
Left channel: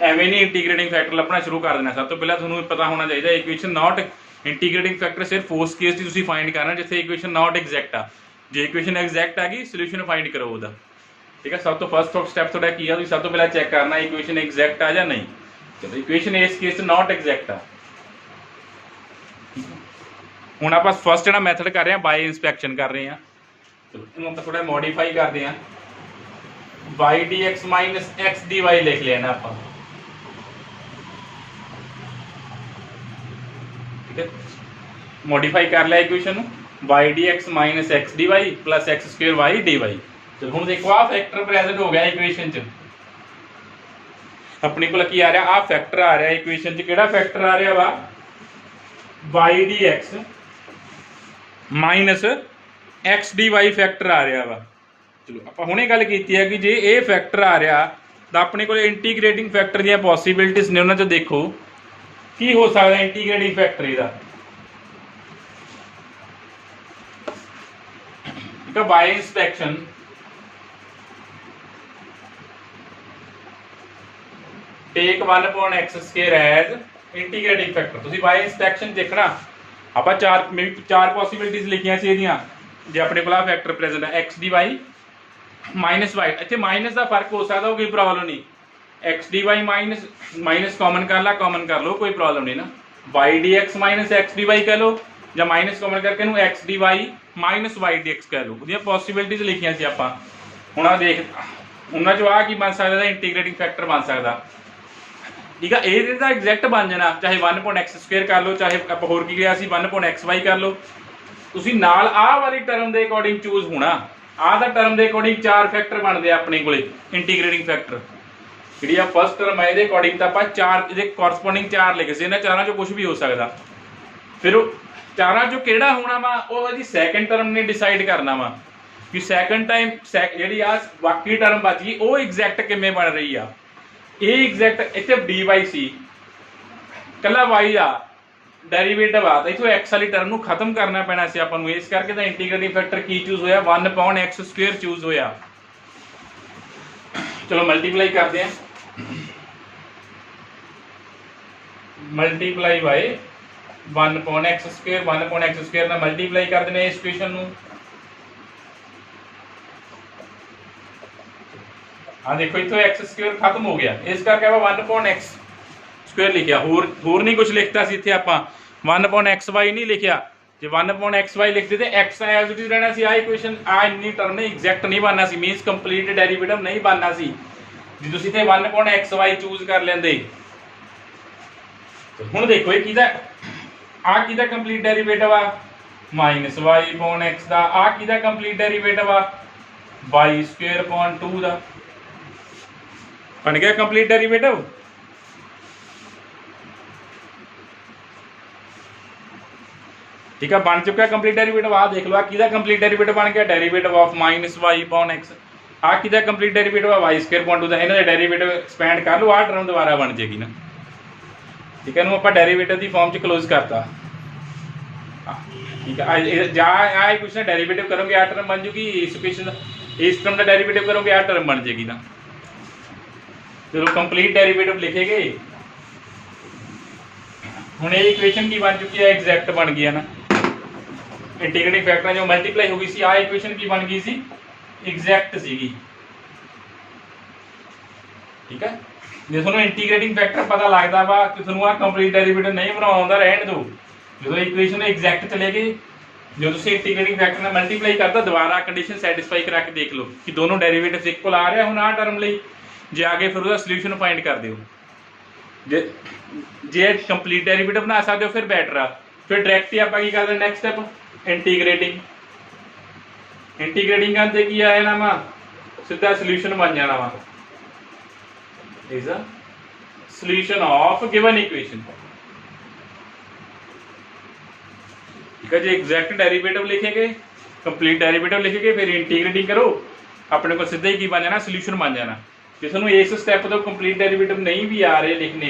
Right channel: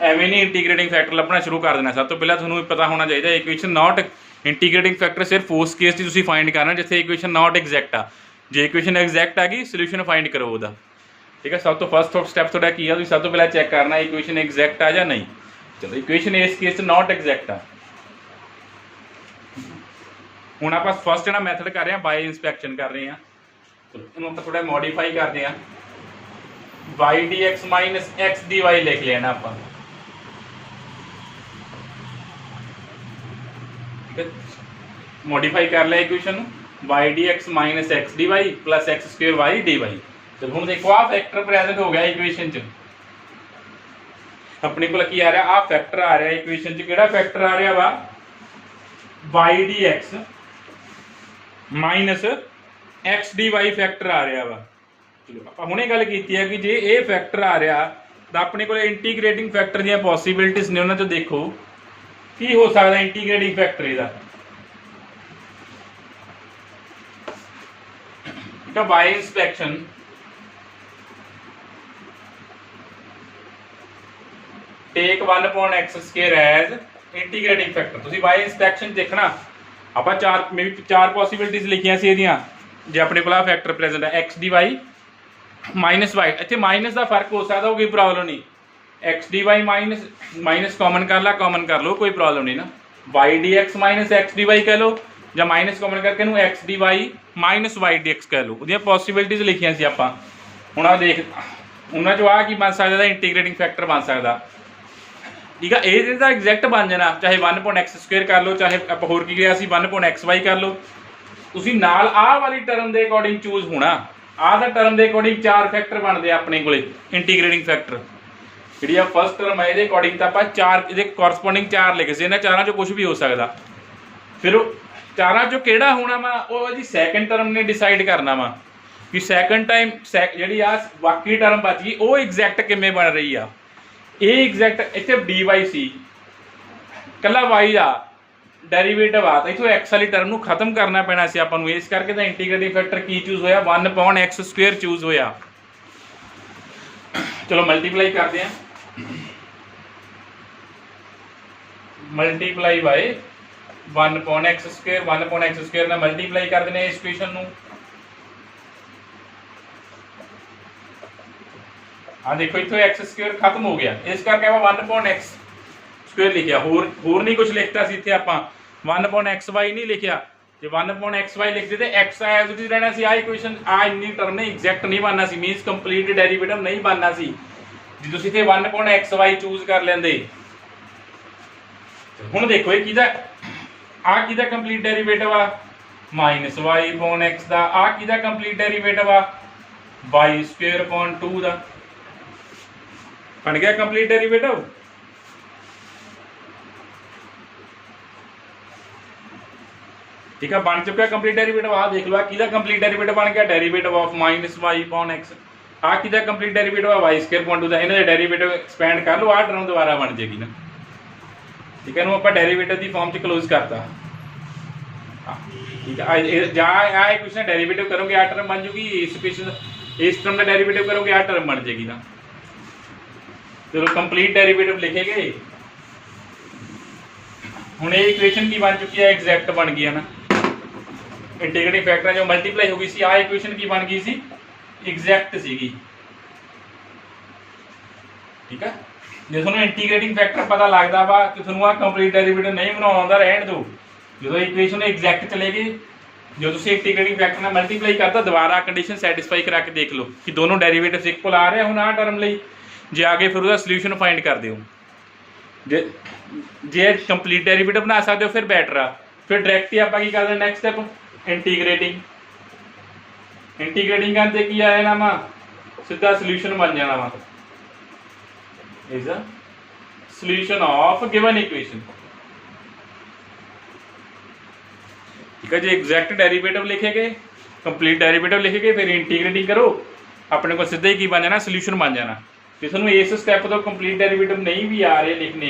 ਐਵੇਂ ਨਹੀਂ ਇੰਟੀਗ੍ਰੇਟਿੰਗ ਫੈਕਟਰ ਲੱਭਣਾ ਸ਼ੁਰੂ ਕਰ ਦੇਣਾ ਸਭ ਤੋਂ ਪਹਿਲਾਂ ਤੁਹਾਨੂੰ ਪਤਾ ਹੋਣਾ ਚਾਹੀਦਾ ਇਕੁਏਸ਼ਨ ਨਾਟ ਇੰਟੀਗ੍ਰੇਟਿੰਗ ਫੈਕਟਰ ਸਿਰਫ ਉਸ ਕੇਸ 'ਚ ਤੁਸੀਂ ਫਾਈਂਡ ਕਰਨਾ ਜਿੱਥੇ ਇਕੁਏਸ਼ਨ ਨਾਟ ਐਗਜ਼ੈਕਟ ਆ ਜੇ ਇਕੁਏਸ਼ਨ ਐਗਜ਼ੈਕਟ ਆ ਗਈ ਸੋਲੂਸ਼ਨ ਫਾਈਂਡ ਕਰੋ ਉਹਦਾ ਠੀਕ ਹੈ ਸਭ ਤੋਂ ਫਸਟ ਸਟੈਪ ਤੁਹਾਡਾ ਕੀ ਆ ਤੁਸੀਂ ਸਭ ਤੋਂ ਪਹਿਲਾਂ ਚੈੱਕ ਕਰਨਾ ਇਕੁਏਸ਼ਨ ਐਗਜ਼ੈਕਟ ਆ ਜਾਂ ਨਹੀਂ ਚਲੋ ਇਕੁਏਸ਼ਨ ਇਸ ਕੇਸ 'ਚ ਨਾਟ ਐਗਜ਼ੈਕਟ ਆ ਹੁਣ ਆਪਾਂ ਫਸਟ ਜਿਹੜਾ ਮੈਥਡ ਕਰ ਰਹੇ ਹਾਂ ਬਾਈ ਇੰਸਪੈਕਸ਼ਨ ਕਰ ਰਹੇ ਹਾਂ ਚਲੋ ਇਹਨੂੰ ਆਪਾਂ ਥੋੜਾ ਮੋਡੀਫਾਈ ਕਰਦੇ ਹਾਂ y dx minus x dy ਲਿਖ ਲੈਣਾ ਆਪਾਂ मॉडिफाई कर लिया equation y dx minus x dy plus x² y dy चलो हम देखो आ फैक्टर प्रेजेंट हो गया इक्वेशन च अपने को की आ रहा आ फैक्टर आ रहा इक्वेशन च केड़ा फैक्टर आ रहा वा y dx minus x dy factor आ रहा वा चलो आप हुणे गल कीती है कि जे ये फैक्टर आ रहा तो अपने को इंटीग्रेटिंग फैक्टर दी पॉसिबिलिटीज ने उन्हां ते देखो की हो सकता इंटीग्रेटिंग फैक्टर इहदा by inspection take 1/x² as integrating factor तुसी बाय इंस्पेक्शन देखना ਆਪਾਂ ਚਾਰ ਪੋਸੀਬਿਲਿਟੀਜ਼ ਲਿਖੀਆਂ ਸੀ ਇਹਦੀਆਂ ਜੇ ਆਪਣੇ ਕੋਲ ਆ ਫੈਕਟਰ ਪ੍ਰੈਜ਼ੈਂਟ ਹੈ x dy ਮਾਈਨਸ y ਇੱਥੇ ਮਾਈਨਸ ਦਾ ਫਰਕ ਹੋ ਸਕਦਾ ਉਹ ਕੋਈ ਪ੍ਰੋਬਲਮ ਨਹੀਂ x dy माइनस कॉमन कर लो कोई प्रॉब्लम नहीं ना y dx minus x dy कह लो या माइनस कॉमन करके x dy minus y dx कह लो ਉਹਦੀਆਂ ਪੋਸੀਬਿਲਿਟੀਜ਼ ਲਿਖੀਆਂ ਸੀ ਆਪਾਂ ਹੁਣ ਆ ਦੇਖ ਉਹਨਾਂ ਚੋਂ ਆ ਕੀ ਬਣ ਸਕਦਾ ਇੰਟੀਗ੍ਰੇਟਿੰਗ ਫੈਕਟਰ ਬਣ ਸਕਦਾ ਠੀਕ ਆ ਇਹ ਜਿਹੜਾ ਐਗਜ਼ੈਕਟ ਬਣ ਜਾਣਾ ਚਾਹੇ 1/x² ਕਰ ਲਓ ਚਾਹੇ ਆਪਾਂ ਹੋਰ ਕੀ ਲਿਆ ਸੀ 1/xy ਕਰ ਲਓ ਤੁਸੀਂ ਨਾਲ ਆਹ ਵਾਲੀ ਟਰਮ ਦੇ ਅਕੋਰਡਿੰਗ ਚੂਜ਼ ਹੋਣਾ ਆਹ ਦਾ ਟਰਮ ਦੇ ਅਕੋਰਡਿੰਗ ਚਾਰ ਫੈਕਟਰ ਬਣਦੇ ਆ ਆਪਣੇ ਕੋਲੇ ਇੰਟੀਗ੍ਰੇਟਿੰਗ ਫੈਕਟਰ ਜਿਹੜੀ ਆ ਫਸਟ ਟਰਮ ਹੈ ਇਹਦੇ ਅਕੋਰਡਿੰਗ ਤਾਂ ਆਪਾਂ ਚਾਰ ਇਹਦੇ ਕੋਰਸਪੋਂਡਿੰਗ ਚਾਰ ਲਿਖੇ ਸੀ ਇਹਨਾਂ ਚਾਰਾਂ ਚੋਂ ਕੁਝ ਵੀ ਹੋ ਸਕਦਾ ਫਿਰ ਉਹ ਚਾਰਾਂ ਚੋਂ ਕਿਹੜਾ ਹੋਣਾ ਵਾ ਉਹ ਜੀ ਸੈਕੰਡ ਟਰਮ ਨੇ ਡਿਸਾਈਡ ਕਰਨਾ ਵਾ ਕਿ ਸੈਕੰਡ ਟਾਈਮ ਜਿਹੜੀ ਆ ਬਾਕੀ ਟਰਮ ਬਚ ਗਈ ਉਹ ਐਗਜ਼ੈਕਟ ਕਿਵੇਂ ਬਣ ਰਹੀ ਆ ਇਹ ਐਗਜ਼ੈਕਟ ਇੱਥੇ dy ਸੀ ਕੱਲਾ y ਆ ਡੈਰੀਵੇਟਿਵ ਆ ਤਾਂ ਇਥੋਂ x ਵਾਲੀ ਟਰਮ ਨੂੰ ਖਤਮ ਕਰਨਾ ਪੈਣਾ ਸੀ ਆਪਾਂ ਨੂੰ, ਇਸ ਕਰਕੇ ਤਾਂ ਇੰਟੀਗ੍ਰੇਟਿੰਗ ਫੈਕਟਰ ਕੀ ਚੂਜ਼ ਹੋਇਆ 1/x² ਚੂਜ਼ ਹੋਇਆ। ਚਲੋ ਮਲਟੀਪਲਾਈ ਕਰਦੇ ਆ, ਮਲਟੀਪਲਾਈ ਬਾਈ 1/x², 1/x² ਨਾਲ ਮਲਟੀਪਲਾਈ ਕਰ ਦਿੰਦੇ ਇਸ ਇਕੁਏਸ਼ਨ ਨੂੰ। हाँ देखो इतो x² खत्म हो गया, इस करके आप 1/x² लिखिया, होर नहीं कुछ लिखता सी इत्थे आपां 1/xy नहीं लिखिया। जे 1/xy लिखते तो x एज इट इज रहना सी। आ इक्वेशन आ इन्नी टर्म ने एग्जैक्ट नहीं बनना सी, मीनस कंप्लीट डेरिवेटिव नहीं बनना सी जे तुसीं इत्थे 1/xy चूज कर लेंदे। हुण देखो ये किहदा आ किहदा कंप्लीट डेरिवेटिव आ -y/x दा, आ किहदा कंप्लीट डेरिवेटिव आ y²/2 दा। बन गया कंप्लीट डेरिवेटिव। ठीक है, बन चुका कंप्लीट डेरिवेटिव। आ देख लो किहदा कंप्लीट डेरिवेटिव बन गया, डेरिवेटिव ऑफ -y/x। आ किहदा कंप्लीट डेरिवेटिव है y²/2 दा। इन्हां दा डेरिवेटिव एक्सपेंड कर लो, आ टर्म दोबारा बन जाएगी ना। ठीक है, आप डेरिवेटिव की फॉर्म च क्लोज करता। ठीक है, जहाँ इक्वेशन डेरिवेटिव करोगे आ टर्म बन जूगी, इस इक्वेशन इस टर्म का डेरिवेटिव करोगे आ टर्म बन जाएगी ना। चलो कंप्लीट डेरिवेटिव लिखे गए। हुण ये इक्वेशन की बन चुकी है, एग्जैक्ट बन गई है ना। इंटीग्रेटिंग फैक्टर जो मल्टीप्लाई हो गई सी, आ इक्वेशन की बन गई सी, एग्जैक्ट सीगी। ठीक है, जो तुहानूं इंटीग्रेटिंग फैक्टर पता लगता वा कि तुहानूं आ कंप्लीट डेरिवेटिव नहीं बनाउणा आउंदा, रहण दो। जो इक्वेशन एग्जैक्ट चले गए, जो तुसीं इंटीग्रेटिंग फैक्टर नाल मल्टीप्लाई करता, दोबारा कंडीशन सैटिस्फाई करा के देख लो कि दोनों डेरिवेटिव्स इक्वल आ रहे हैं। हुण आ टर्म लई जे आगे फिर उसका सल्यूशन फाइंड कर दो। जे कंप्लीट डेरिवेटिव बना सकते हो फिर बैटर आ, फिर डायरैक्ट ही आप कर दें नैक्सट स्टैप इंटीग्रेटिंग। इंटीग्रेटिंग करते की आया ना वा सीधा सल्यूशन बन जाना वा, is a solution of given equation. ठीक है, जो एग्जैक्ट डेरिवेटिव लिखे गए, कंप्लीट डेरिवेटिव लिखे गए, फिर इंटीग्रेटिंग करो, अपने को सीधा ही की बन जाना, सल्यूशन बन जाना। ਜੇ ਤੁਹਾਨੂੰ ਇਸ ਸਟੈਪ ਤੋਂ ਕੰਪਲੀਟ ਡੈਰੀਵੇਟਿਵ ਨਹੀਂ ਵੀ ਆ ਰਹੇ ਲਿਖਣੇ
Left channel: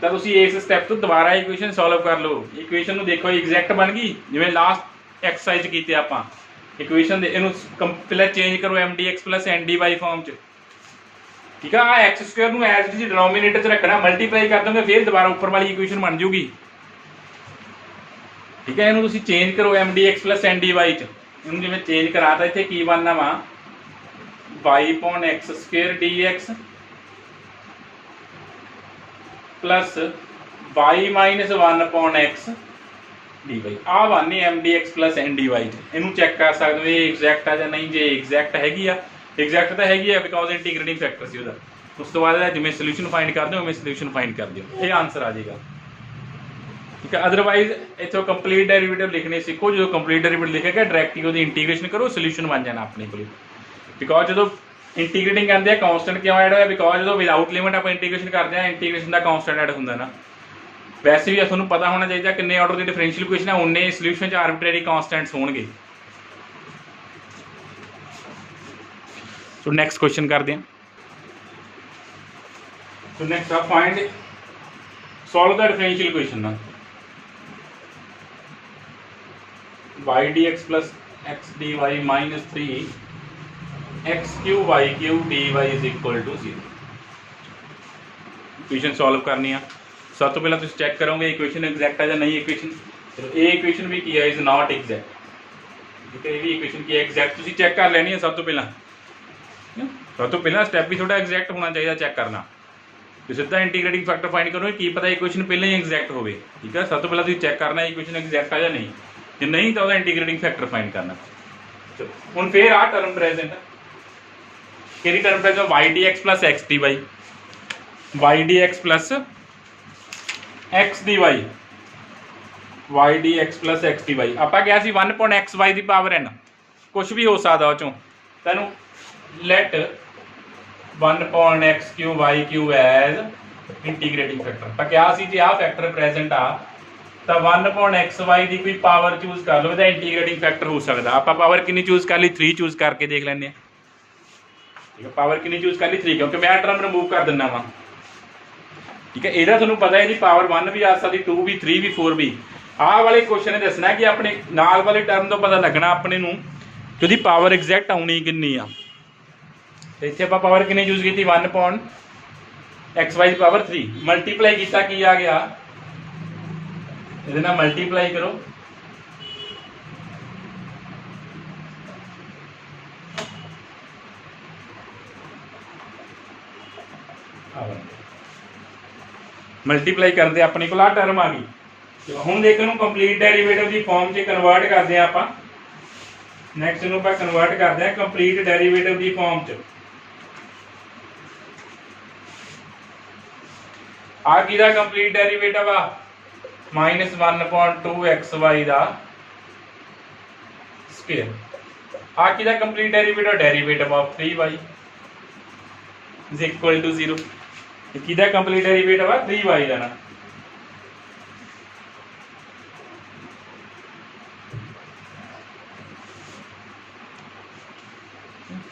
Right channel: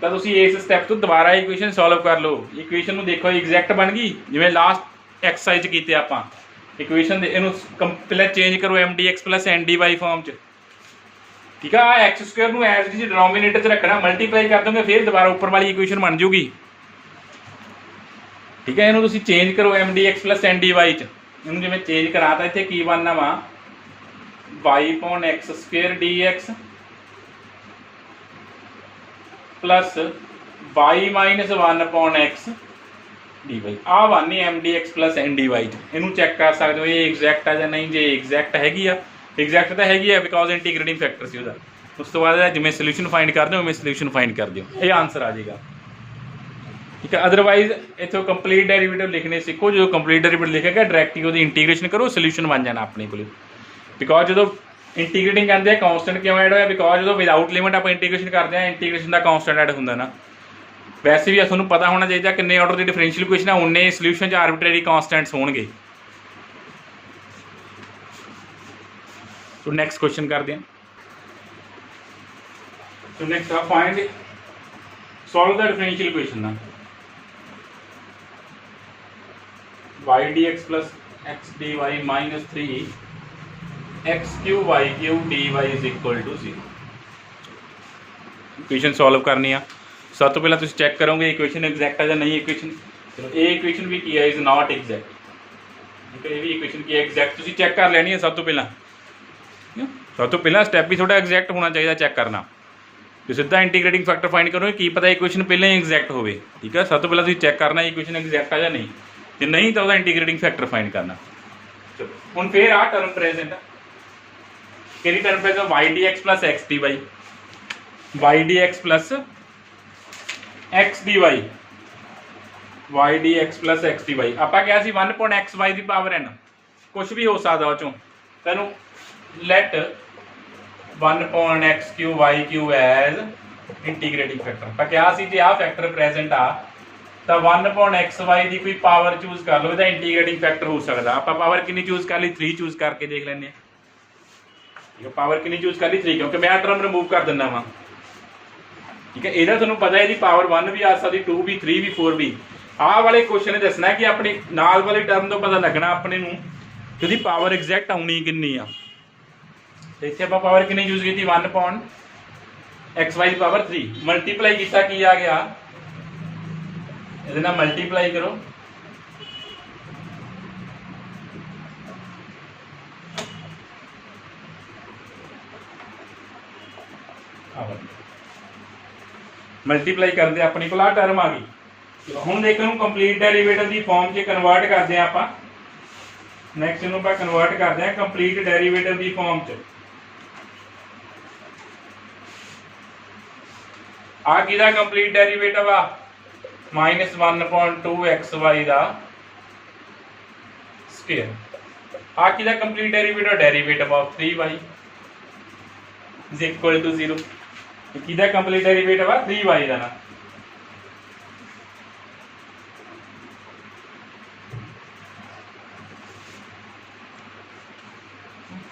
ਤਾਂ ਤੁਸੀਂ ਇਸ ਸਟੈਪ ਤੋਂ ਦੁਬਾਰਾ ਇਕੁਏਸ਼ਨ ਸੋਲਵ ਕਰ ਲਓ। ਇਕੁਏਸ਼ਨ ਨੂੰ ਦੇਖੋ ਐਗਜ਼ੈਕਟ ਬਣ ਗਈ, ਜਿਵੇਂ ਲਾਸਟ ਐਕਸਰਸਾਈਜ਼ ਕੀਤੇ ਆਪਾਂ। ਇਕੁਏਸ਼ਨ ਦੇ ਇਹਨੂੰ ਪਹਿਲਾਂ ਚੇਂਜ ਕਰੋ mdx + ndy ਫਾਰਮ 'ਚ। ਠੀਕ ਆ, x² ਨੂੰ ਐਜ਼ ਇਟ ਇਜ਼ ਡਿਨੋਮੀਨੇਟਰ 'ਚ ਰੱਖਣਾ, ਮਲਟੀਪਲਾਈ ਕਰ ਦੋਗੇ ਫਿਰ ਦੁਬਾਰਾ ਉੱਪਰ ਵਾਲੀ ਇਕੁਏਸ਼ਨ ਬਣ ਜੂਗੀ। ਠੀਕ ਹੈ, ਇਹਨੂੰ ਤੁਸੀਂ ਚੇਂਜ ਕਰੋ mdx + ndy 'ਚ। ਇਹਨੂੰ ਜਿਵੇਂ ਚੇਂਜ ਕਰਾਤਾ, ਇੱਥੇ ਕੀ ਬਣਨਾ ਵਾ y/x² dx plus y - 1/x dy। आ बननी mdx + ndy। इनू चेक कर सकते हो ये एग्जैक्ट है या नहीं। जे एग्जैक्ट हैगी आ, एग्जैक्ट तो हैगी है बिकॉज इंटीग्रेटिंग फैक्टर सी उहदा। उस तो बाद जिवें सल्यूशन फाइंड कर दो उवें सल्यूशन फाइंड कर दिओ, ये आंसर आ जाएगा। ठीक है, अदरवाइज इत्थों कंप्लीट डेरिवेटिव लिखने सीखो। जो कंप्लीट डेरिवेटिव लिखेगा डायरैक्ट ही उहदी इंटीग्रेशन करो, सल्यूशन बन जाना अपने को। बिकॉज जो इंटीग्रेटिंग कहते हैं कॉन्स्टेंट क्यों ऐड होया, बिकॉज जो विदाउट लिमिट आप इंटीग्रेशन करते हैं इंटीग्रेशन का कॉन्स्टेंट ऐड होंदा ना। वैसे भी तुहानूं पता होना चाहिए किन्ने ऑर्डर की डिफरेंशियल इक्वेशन है, उन्ने सल्यूशन च आर्बिट्रेरी कॉन्स्टेंट्स होणगे। सो नैक्सट क्वेश्चन करते हैं। सो नैक्सट आप find solve the differential equation ना y dx + x dy -3 x³ y³ dy = 0। Equation solve करनी है। सब तो पहले तुम चेक करोगे इक्वेशन एग्जैक्ट है या नहीं इक्वेशन। चलो ये इक्वेशन भी की है, इज नॉट एग्जैक्ट। ठीक है, ये भी इक्वेशन की एग्जैक्ट तुम चेक कर लेनी है। सब तो पहला स्टैप भी थोड़ा एग्जैक्ट होना चाहिए चेक करना। तो सीधा इंटीग्रेटिंग फैक्टर फाइंड करो की पता इक्वेशन पहले ही एग्जैक्ट हो। ठीक है, सब तो पहले तुम चेक करना इक्वेशन एग्जैक्ट है या नहीं। जो नहीं तो इंटीग्रेटिंग फैक्टर फाइंड करना। चलो हुण फिर आ टर्म प्रेजेंट कि term present y dx + x dy, y dx + x dy, y dx + x dy। ਆਪਾਂ ਕਿਹਾ ਸੀ 1/xy ਦੀ ਪਾਵਰ n, कुछ भी हो सकता ਉਹ ਚੋਂ। ਤੈਨੂੰ let 1/x³ y³ as ਇੰਟੀਗ੍ਰੇਟਿੰਗ factor. ਆਪਾਂ ਕਿਹਾ ਸੀ ਜੇ ਆ ਫੈਕਟਰ ਪ੍ਰੈਜ਼ੈਂਟ ਆ ਤਾਂ 1/xy ਦੀ ਕੋਈ ਪਾਵਰ ਚੂਜ਼ ਕਰ ਲਓ, ਇਹਦਾ ਇੰਟੀਗ੍ਰੇਟਿੰਗ ਫੈਕਟਰ ਹੋ ਸਕਦਾ। ਆਪਾਂ ਪਾਵਰ ਕਿੰਨੀ ਚੂਜ਼ ਕਰ ਲਈ, 3 ਚੂਜ਼ ਕਰਕੇ ਦੇਖ ਲੈਂਦੇ ਹਾਂ। ठीक है, पावर कितनी चूज कर ली 3, क्योंकि मैं टर्म रिमूव कर देना वा। ठीक है। ਇਹਦਾ ਤੁਹਾਨੂੰ ਪਤਾ है जी पावर 1 भी आ सकती, 2 भी, 3 भी, 4 भी। ਆਹ वाले क्वेश्चन ने दसना कि अपने नाल वाले टर्म तो पता लगना अपने नूं कि ਉਹਦੀ पावर एग्जैक्ट आनी कितनी आ। तो इत्थे आपां पावर कितनी यूज की 1/x/y की पावर 3 मल्टीप्लाई किया की आ गया, ਇਹਦੇ ਨਾਲ मल्टीप्लाई करो मल्टीप्लाई करते अपने को आ टर्म आ गई। हम देख लो कंप्लीट डेरीवेटिव की फॉर्म से कन्वर्ट करते हैं आप। नैक्सट इन कन्वर्ट करते हैं कंप्लीट डेरीवेटिव की फॉर्म च। आ किहदा कंप्लीट डेरीवेटिव आ -1/2xy का स्क्वायर। आ किहदा complete derivative, derivative of 3y is equal to 0। किहदा कंप्लीट डेरीवेटिव आ 3y का ना।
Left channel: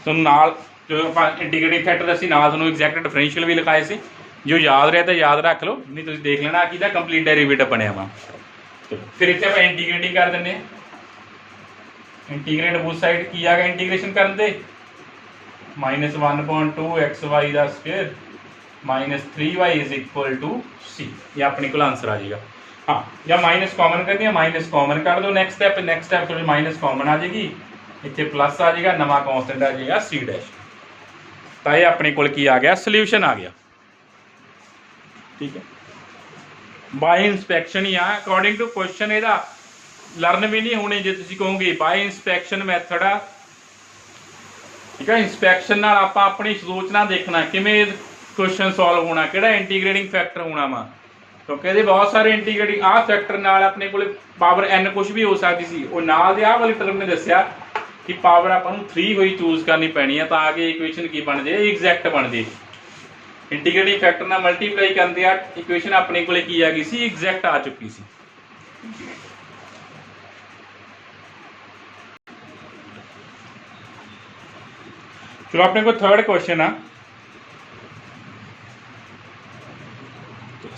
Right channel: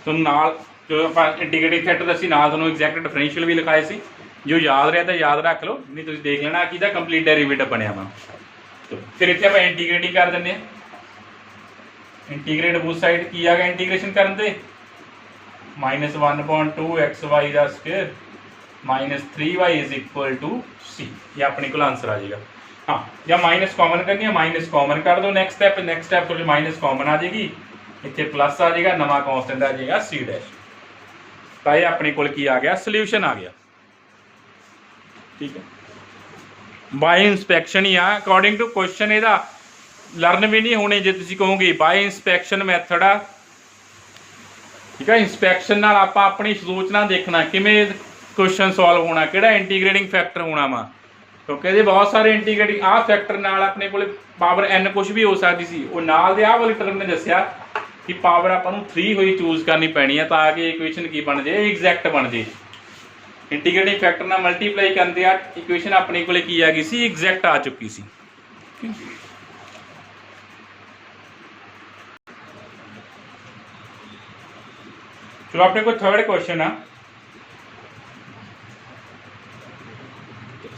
नाल जो इंटीग्रेटिंग फैक्टर असीं नाल तुहानूं एग्जैक्ट डिफरेंशियल भी लिखाए सी, जो याद रहा तो याद रख लो, नहीं तुसीं देख लेना किहदा कंप्लीट डेरीवेटिव बनया वा। तो फिर इत्थे आपां इंटीग्रेट कर दिंदे हां, इंटीग्रेट बोथ साइड की आ गया इंटीग्रेशन करन दे -1/2xy का square -3y is equal to c। ये अपने को आंसर आ जाएगा। हाँ, या माइनस कॉमन करनी है, माइनस कॉमन कर दो। नेक्स्ट स्टेप थोड़ी माइनस कॉमन आ जाएगी, इतने प्लस आ जाएगा, नवा कॉन्स्टेंट आ जाएगा c डैश। तो ये अपने को की आ गया सोल्यूशन आ गया। ठीक है, बाय इंस्पैक्शन ही आ अकॉर्डिंग टू क्वेश्चन। ਇਹਦਾ लर्न भी नहीं होने जे तुसीं कहोगे बाय इंस्पैक्शन मैथड आ। ठीक है, इंस्पैक्शन नाल आपां अपनी सोचना देखना किवें क्वेश्चन सॉल्व होना, किहड़ा इंटीग्रेटिंग फैक्टर होना वा, क्योंकि ये बहुत सारे इंटीग्रेटिंग आ फैक्टर नाल अपने को पावर n कुछ भी हो सकती सी। वो नाल दे आ वाली टर्म ने दस्सिया कि पावर आपां नूं 3 होई चूज करनी पैनी है ताकि इक्वेशन की बन जाए, एग्जैक्ट बन जाए। इंटीग्रेटिंग फैक्टर नाल मल्टीप्लाई करते आ इक्वेशन अपने को की आ गई सी, एग्जैक्ट आ चुकी सी। चलो अपने को थर्ड क्वेश्चन आ।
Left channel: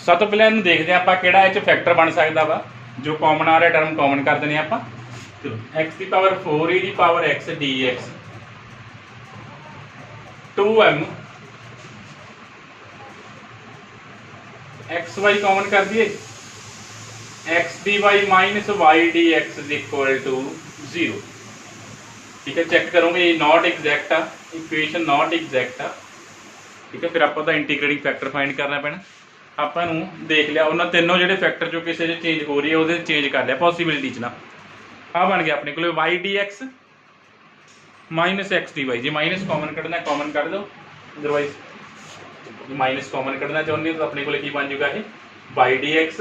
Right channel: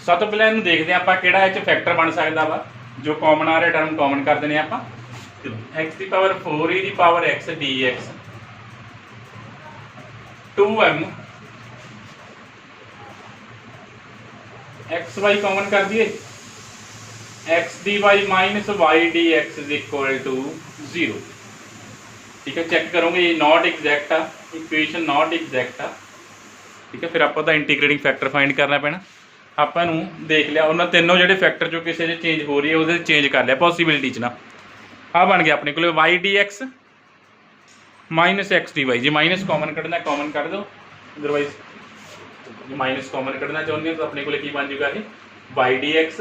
सब तो पहले इन्हूं देखते हैं आप किहड़ा इह फैक्टर बन सकता वा। जो कॉमन आ रहा टर्म कॉमन कर देने आप। चलो x की पावर 4 e की power x dx 2m xy common कर दिए, x dy minus y dx is equal to 0। ठीक है, चेक करोगे ये नॉट एग्जैक्ट आ, इक्वेशन नॉट एग्जैक्ट आ। ठीक है, फिर आपको तो इंटीग्रेटिंग फैक्टर फाइंड करना पैना। ਆਪਾਂ ਨੂੰ देख लिया उन्होंने तीनों जो फैक्टर जो किसी चेंज हो रही है वो चेंज कर लिया पॉसिबिलिटी ना। आ बन गया अपने को y dx minus x dy। जी माइनस कॉमन कढ़ना कॉमन कर दो, अदरवाइज माइनस कॉमन कढ़ना चाहते हो तो अपने को की बन जाएगा ये y dx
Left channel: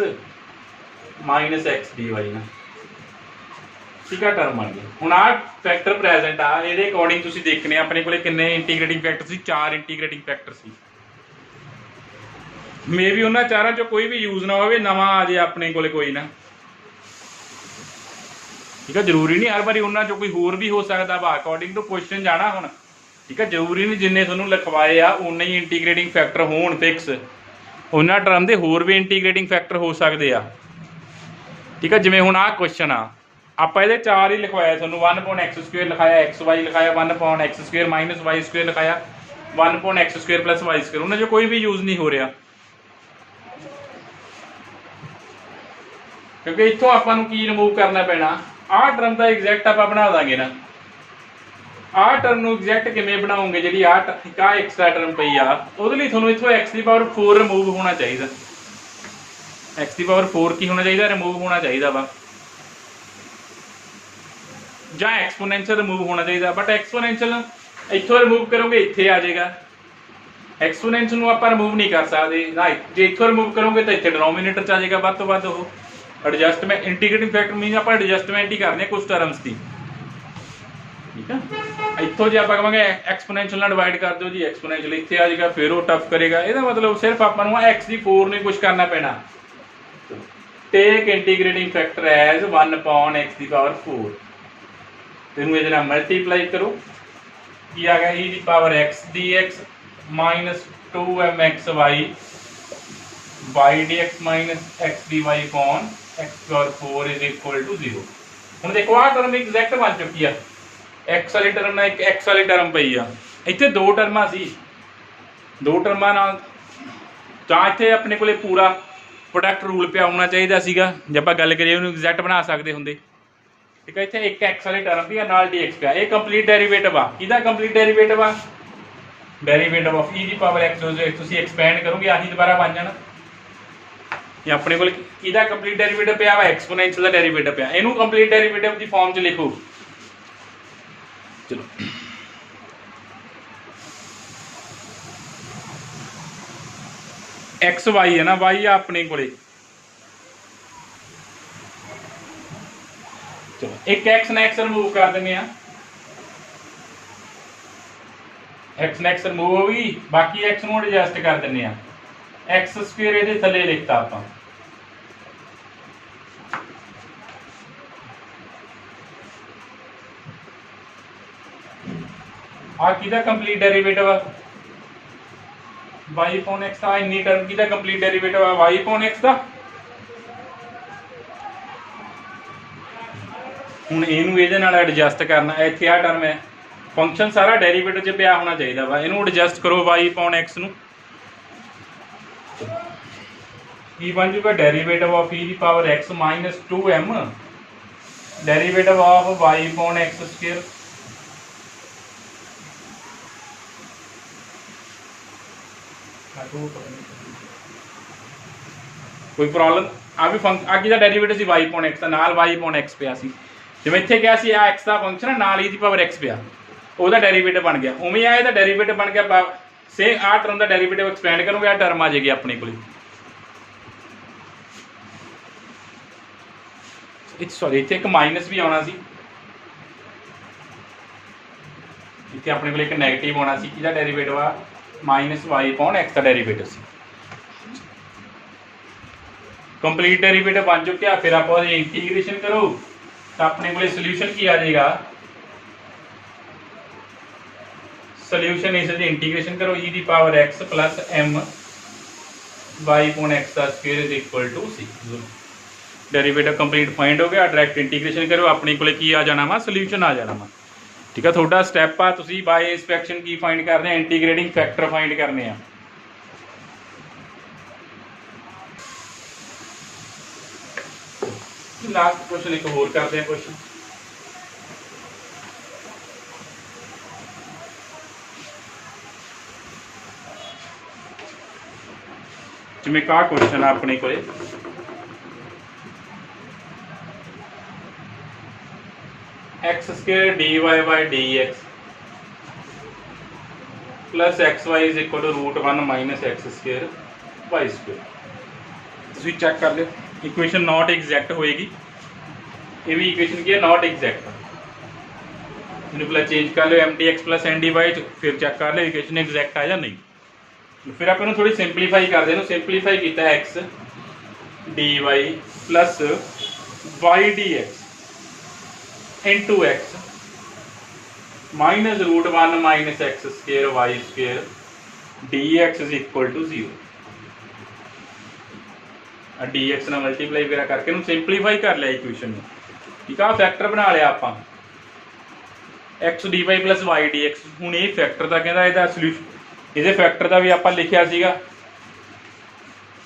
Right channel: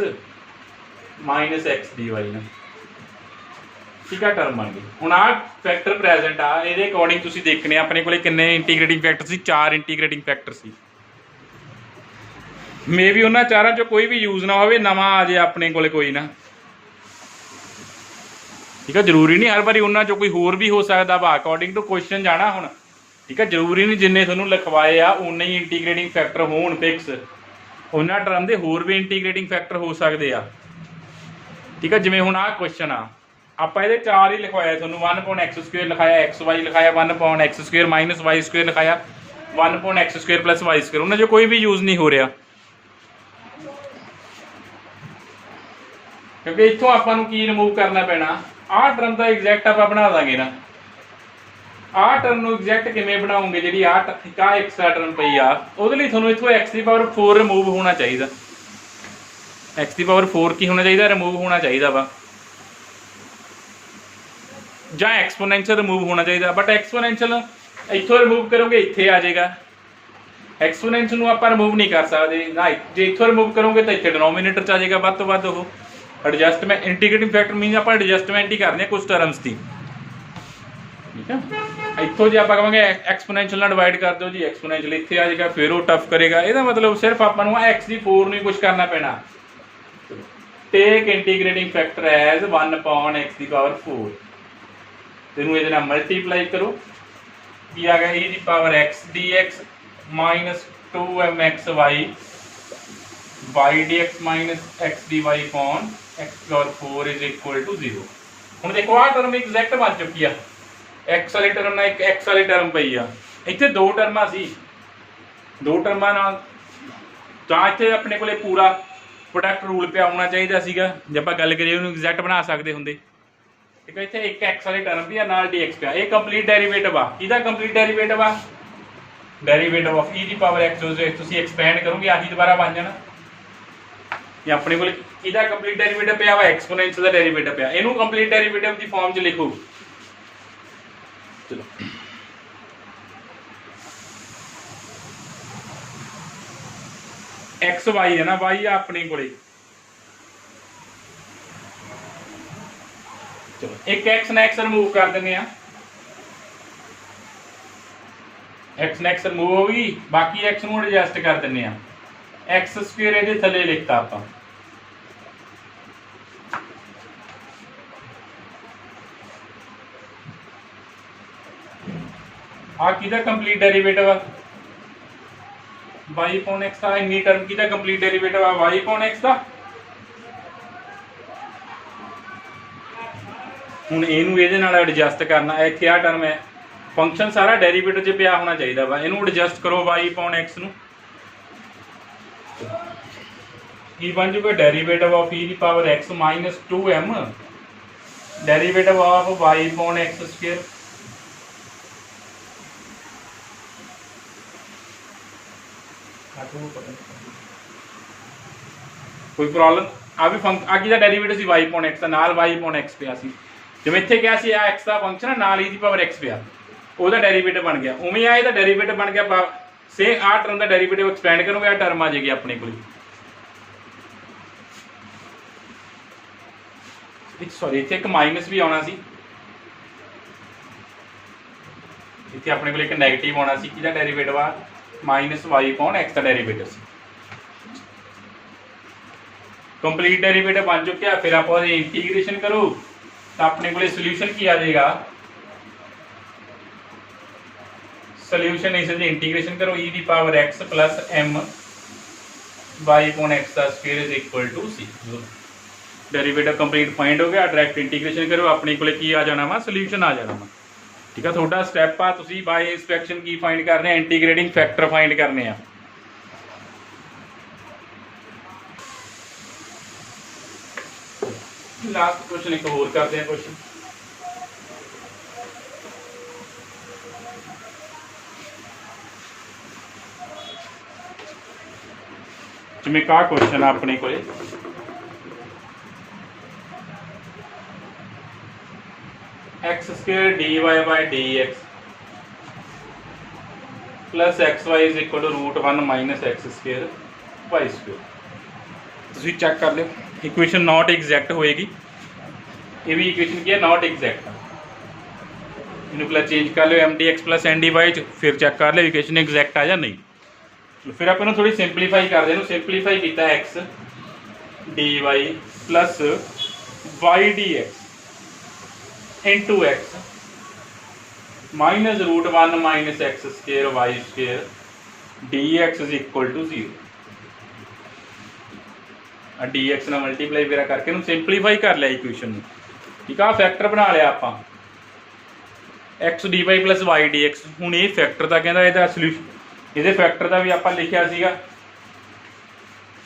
minus x dy ना। ठीक है, टर्म बन गई। हुण आ फैक्टर प्रेजेंट आ, ये अकॉर्डिंग तुसीं देखने अपने को किन्ने इंटीग्रेटिंग फैक्टर सी, 4 इंटीग्रेटिंग फैक्टर सी। मे भी उन्होंने चारों चो कोई भी यूज ना हो, नवा आ जाए अपने को कोई ना। ठीक है, जरूरी नहीं हर बारी उन्होंने चो कोई होर भी हो सकता वा, अकॉर्डिंग टू क्वेश्चन जाना होना। ठीक है, जरूरी नहीं जिन्ने तुहानूं लिखवाए आ उन्ने ही इंटीग्रेटिंग फैक्टर होण फिक्स, उन्होंने टर्म के होर भी इंटीग्रेटिंग फैक्टर हो सकते आ। ठीक है, जिवें हुण आ क्वेश्चन आ ਆਪਾਂ ਇਹਦੇ 4 ही लिखवाया, ਤੁਹਾਨੂੰ 1/x² लिखाया, xy लिखाया, 1/x² माइनस y² लिखाया, 1/x² प्लस y²। उन्हें जो कोई भी यूज नहीं हो रहा, क्योंकि इतों आपां नूं की रिमूव करना पैना। आ टर्म का एग्जैक्ट आप बना देंगे ना। आ टर्म नूं एग्जैक्ट किवें बनाओगे, जी आ एक्स्ट्रा टर्म पई आ उहदे लई तुहानूं इत्थों x की पावर 4 रिमूव होना चाहिए। x की पावर 4 की होना चाहिए, रिमूव होना चाहिए वा, ਜਾਂ एक्सपोनेंशियल रिमूव होना चाहिए। बट एक्सपोनेंशियल इतों रिमूव करोगे इत्थे आ जाएगा, एक्सपोनेंशियल आप रिमूव नहीं कर सकते ना। जो इतों रिमूव करोगे तो इतने डिनोमीनेटर आ जाएगा वध तो वध वो एडजस्टमेंट। इंटीग्रेटिंग फैक्टर मीन आप एडजस्टमेंट ही करने कुछ टर्म्स की। ठीक है, इतों जो आप कहेंगे एक्सपोनेंशियल डिवाइड कर दो जी, एक्सपोनेंशियल इतने आ जाएगा, फिर वो टफ करेगा। यदा मतलब सिर्फ आपको x की 4 नहीं कुछ करना पैना। Take integrating factor as 1/x की पावर 4, तेनू ये मल्टीप्लाई करो की आ गया e की power x dx minus 2mxy Y D X minus X D Y upon X power 4 is equal to 0। ਹੁਣ देखो आ टर्म एग्जैक्ट बन चुकी है, एक्स वाली टर्म ना एक एक्स वाली टर्म पई आ, इत्थे दो टर्मां सी, दो टर्मां नाल ਤਾਂ ਇੱਥੇ ਆਪਣੇ ਕੋਲੇ पूरा प्रोडक्ट रूल पे आना चाहिए सीगा जे आप गल करिए उन्होंने एग्जैक्ट बना सकते होंगे। ठीक है, इतने एक एक्स वाली टर्म भी नाल डी एक्स पिया, ये कंप्लीट डेरीवेटिव आ, किहदा कंप्लीट डेरीवेटिव आ, derivative of E the power X जो तुसीं एक्सपैंड करोगे आही दोबारा बन जाना। ये अपने कोल किहदा कंप्लीट डेरीवेटिव पिया वा, एक्सपोनेंशियल दा डेरीवेटिव पिया, इहनूं कंप्लीट डेरीवेटिव दी फॉर्म च लिखो। चलो एक्स वाई है ना, वाई आ अपने कोले, चलो एक एक्स ने एक्स रिमूव कर देंगे, एक्स ने एक्स रिमूव होगी, बाकी एक्स नूं एडजस्ट कर देंगे, एक्स स्क्वेयर इहदे थल्ले लिखता आपां। आ किहदा कंप्लीट डेरीवेटिव आ, वाई अपॉन एक्स का, इन्नी टर्म की कंप्लीट डेरीवेटिव है वाई अपॉन एक्स का। हुण इहनूं इहदे नाल एडजस्ट करना, इत्थे आ टर्म है, फंक्शन सारा डेरीवेटिव च पिया होना चाहिए वा, इहनूं एडजस्ट करो वाई अपॉन एक्स नूं, की बन जूगा derivative of E the power X minus 2m derivative of Y upon X square. कोई प्रॉब्लम आ भी फंक्शन आ डेरीवेटिव सी वाई अपॉन एक्स नाल वाई अपॉन एक्स पिया सी, जिवें इत्थे क्या सी आ एक्स दा फंक्शन नाल ई दी पावर एक्स पिया, ओहदा डेरीवेटिव बन गया, उवें आ इहदा डेरीवेटिव बन गया, से आ टर्म दा डेरीवेटिव एक्सपैंड करोगे आ टर्म आ जाएगी अपने कोल। सॉरी इत्थे एक माइनस भी आना सी, इत्थे अपने कोल एक नैगेटिव आना सी, किहदा डेरीवेटिव आ माइनस वाई अपॉन एक्स का डेरीवेटिव सी। कंप्लीट डेरीवेटिव बन चुका, फिर आप इंटीग्रेशन करो तो अपने को सोल्यूशन की आ जाएगा, सोल्यूशन इस इंटीग्रेशन करो ई दी power x plus m y upon x का square is equal to c. Derivative complete find हो गया, डायरेक्ट इंटीग्रेशन करो अपने को की आ जाना वा, सोल्यूशन आ जाना वा। ठीक है, थोड़ा स्टैप आ, तुसीं बाय इंस्पेक्शन की फाइंड करने, इंटीग्रेटिंग फैक्टर फाइंड करने आ। लास्ट क्वेश्चन एक होर करते हैं क्वेश्चन, जिवें का क्वेश्चन अपने को X square D Y by D x plus X Y is equal to root 1 minus x square Y square. तुसीं चेक कर लो, इक्वेशन नॉट एग्जैक्ट होएगी, ये भी इक्वेशन की है नॉट एग्जैक्ट, इन्हें पहले चेंज कर लो m D x plus N D y, फिर चेक कर लो इक्वेशन एग्जैक्ट आ या नहीं। फिर आप इन्हें थोड़ी सिंपलीफाई कर दें, सिंपलीफाई किया X D Y plus Y D X into X minus root 1 minus x square Y square D X is equal to 0। D X ना मल्टीप्लाई वगैरह करके सिंपलीफाई कर लिया इक्वेशन में। ठीक है, फैक्टर बना लिया आप X D Y plus Y D X. हूँ ये फैक्टर का कहता यदा सोल्यूशन ये फैक्टर का भी आप लिखा सीगा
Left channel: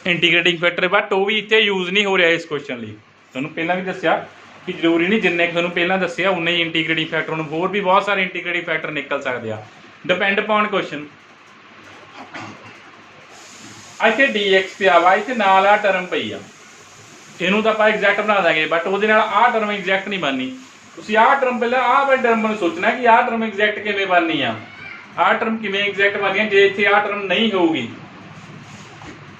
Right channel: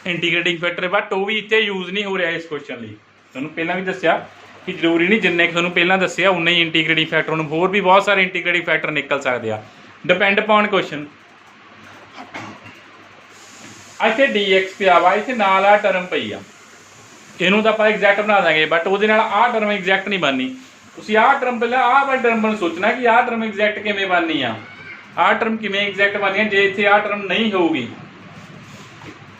इंटीग्रेटिंग फैक्टर, बट वो भी इतने यूज नहीं हो रहा इस क्वेश्चन लिए। तुहानूं पहलां भी दस्सिया कि जरूरी नहीं जिन्ने तुहानूं पहलां दस्सिया उन्ना ही इंटीग्रेटिंग फैक्टर, हुण होर भी बहुत सारे इंटीग्रेटिंग फैक्टर निकल सकते हैं, डिपेंड अपॉन क्वेश्चन। इत्थे डी एक्स पिया वा, इत्थे नाल आ टर्म पई आ, इहनूं तां आपां एग्जैक्ट बना देंगे, बट उहदे नाल आ टर्म एग्जैक्ट नहीं बननी। तुसीं आ टर्म पहले आ वाली टर्म नूं सोचना कि आ टर्म एग्जैक्ट किवें बननी आ टर्म किवें एग्जैक्ट बननी है जे इत्थे आ टर्म नहीं होगी,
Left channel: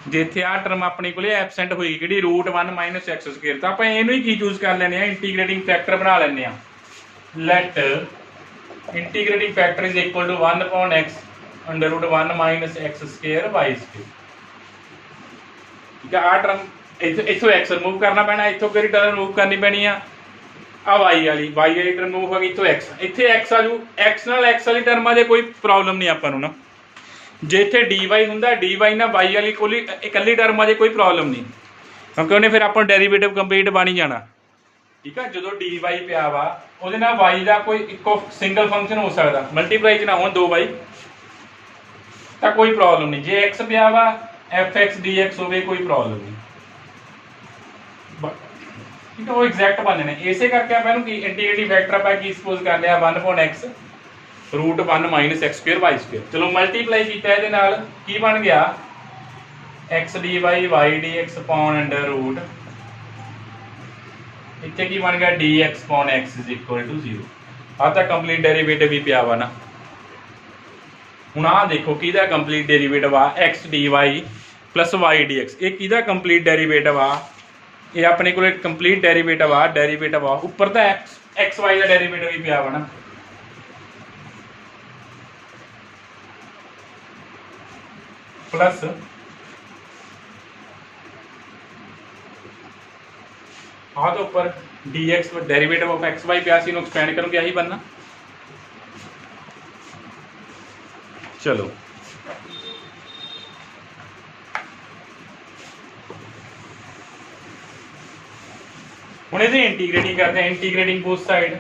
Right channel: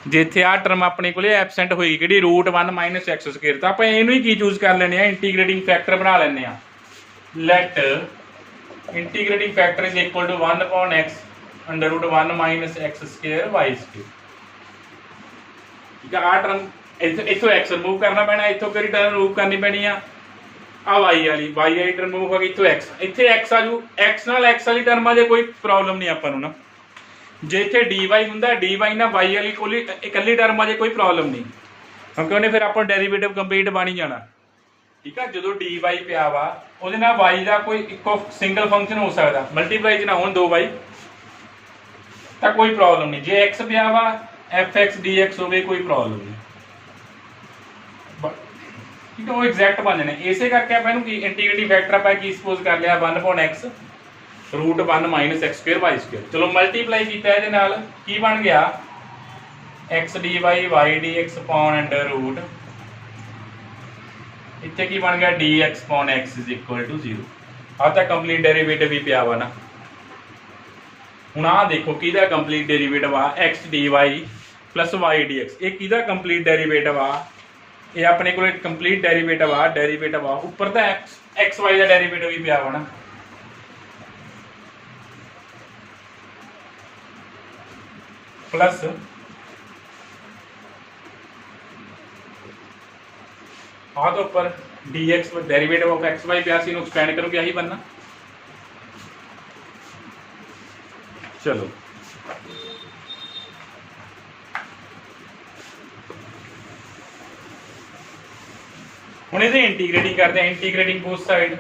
जे इत्थे आ टर्म अपने कोल एबसेंट होई कि रूट 1 माइनस एक्स स्क्वेयर, तो आपां इहनूं ही की चूज कर लैने इंटीग्रेटिंग फैक्टर बना लैने। Let integrating factor is equal to 1 upon x under root 1 minus x square Y square. ठीक है, आ टर्म इथों एक्स रिमूव करना पैना, इथों किहड़ी टर्म रिमूव करनी पैनी आ वाई वाली टर्म रिमूव होगी, इथों एक्स, इत्थे एक्स आजू, एक्स नाल एक्स वाली टर्मां दे कोई प्रॉब्लम नहीं आपां नूं ना, जे इत्थे डी वाई हुंदा डी वाई ना वाई वाली कोई इकल्ली टर्म आ जाए कोई प्रॉब्लम नहीं, क्योंकि उन्हें फिर अपन डेरीवेटिव कंप्लीट बन ही जाना। ठीक है, जो डी वाई पिया वा ਉਹਦੇ ਨਾਲ वाई का कोई इको सिंगल फंक्शन हो सकता, मल्टीप्लाई च ना हो दो वाई तो कोई प्रॉब्लम नहीं। जे एक्स पिया वा एफ एक्स डी एक्स हो कोई प्रॉब्लम नहीं। ठीक है, वो एग्जैक्ट बन जाने। इसे करके आप इंटीग्रेटिंग फैक्टर आप की सपोज कर लिया 1/x √1 - x² y²। चलो मल्टीप्लाई किया ये की बन गया x dy y dx upon under root इतने की बन गया dx अपॉन x = 0। आ तो कंप्लीट डेरीवेटिव भी पिया वा ना। हुण आ देखो किहदा कंप्लीट डेरीवेटिव आ x dy plus y dx, ये किहदा कंप्लीट डेरीवेटिव आ, ये अपने को कंप्लीट डेरीवेटिव आ उपर तो एक्स वाई का डेरीवेटिव भी पिया वा ना। प्लस हाँ तो ऊपर dx derivative of x y पिया सी, एक्सपेंड करोगे यही बनना। चलो हुण इहदी इंटीग्रेटिंग करते हैं, इंटीग्रेटिंग बोथ साइड।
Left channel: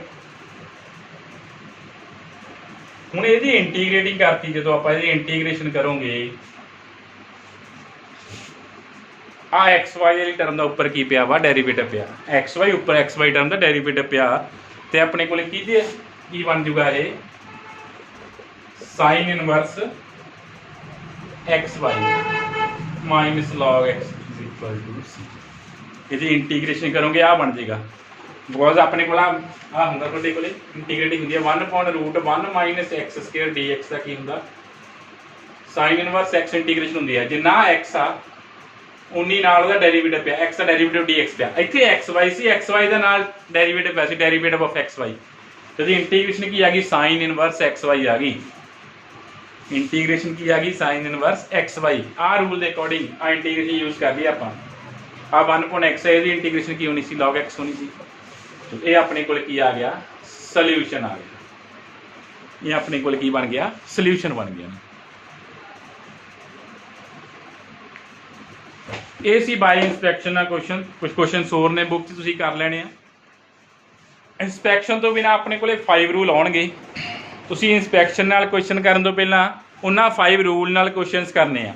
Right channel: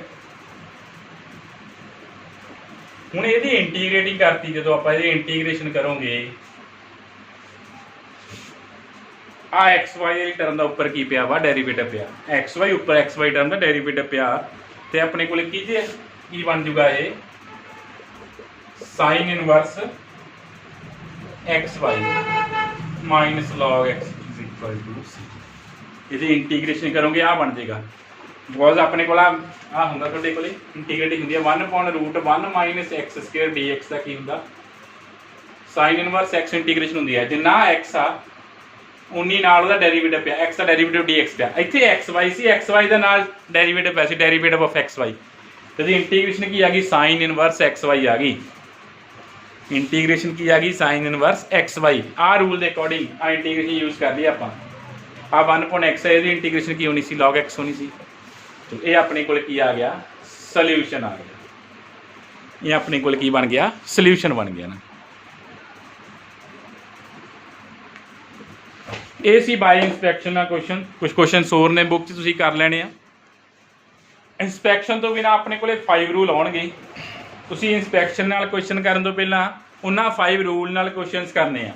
हुण इहदी इंटीग्रेटिंग करती जो आप इंटीग्रेशन करोगे आ एक्स वाई वाली टर्म का उपर की पिया वा डेरीवेटिव पिया, एक्स वाई उपर एक्स वाई टर्म का डेरीवेटिव पिया तो अपने को की बन जूगा ये sine inverse x y minus log x = c। ये इंटीग्रेशन करोगे आ बन जाएगा, बिकॉज अपने को होंगे थोड़े को इंटीग्रेटिंग होंगी 1/√1 - x² dx का की होंगे साइन इनवर्स x इंटीग्रेशन होंगी है जिन्ना x आ उन्नी नाल दा डेरीवेटिव पिया, x का डेरीवेटिव dx पिया। इत्थे xy सी, xy दा नाल डेरीवेटिव वैसे डेरीवेटिव ऑफ xy तो इंटीग्रेशन की आ गई साइन इनवर्स xy आ गई, इंटीग्रेशन की आ गई साइन इनवर्स xy। आ रूल के अकॉर्डिंग आ इंटीग्रेशन यूज कर लिया आप। आ 1/x है, इंटीग्रेशन की होनी सी log x होनी सी, तो ये अपने को की आ गया सोल्यूशन आ गया, ये अपने को की बन गया सोल्यूशन बन गया ना। ये सी बाय इंस्पैक्शन का क्वेश्चन, कुछ क्वेश्चन होर ने बुक च तुसीं कर लेने। इंस्पैक्शन तो बिना अपने को 5 रूल आउणगे। तुसीं इंस्पैक्शन नाल क्वेश्चन करन तो पहलां उन्हां 5 रूल नाल क्वेश्चनस करने आ।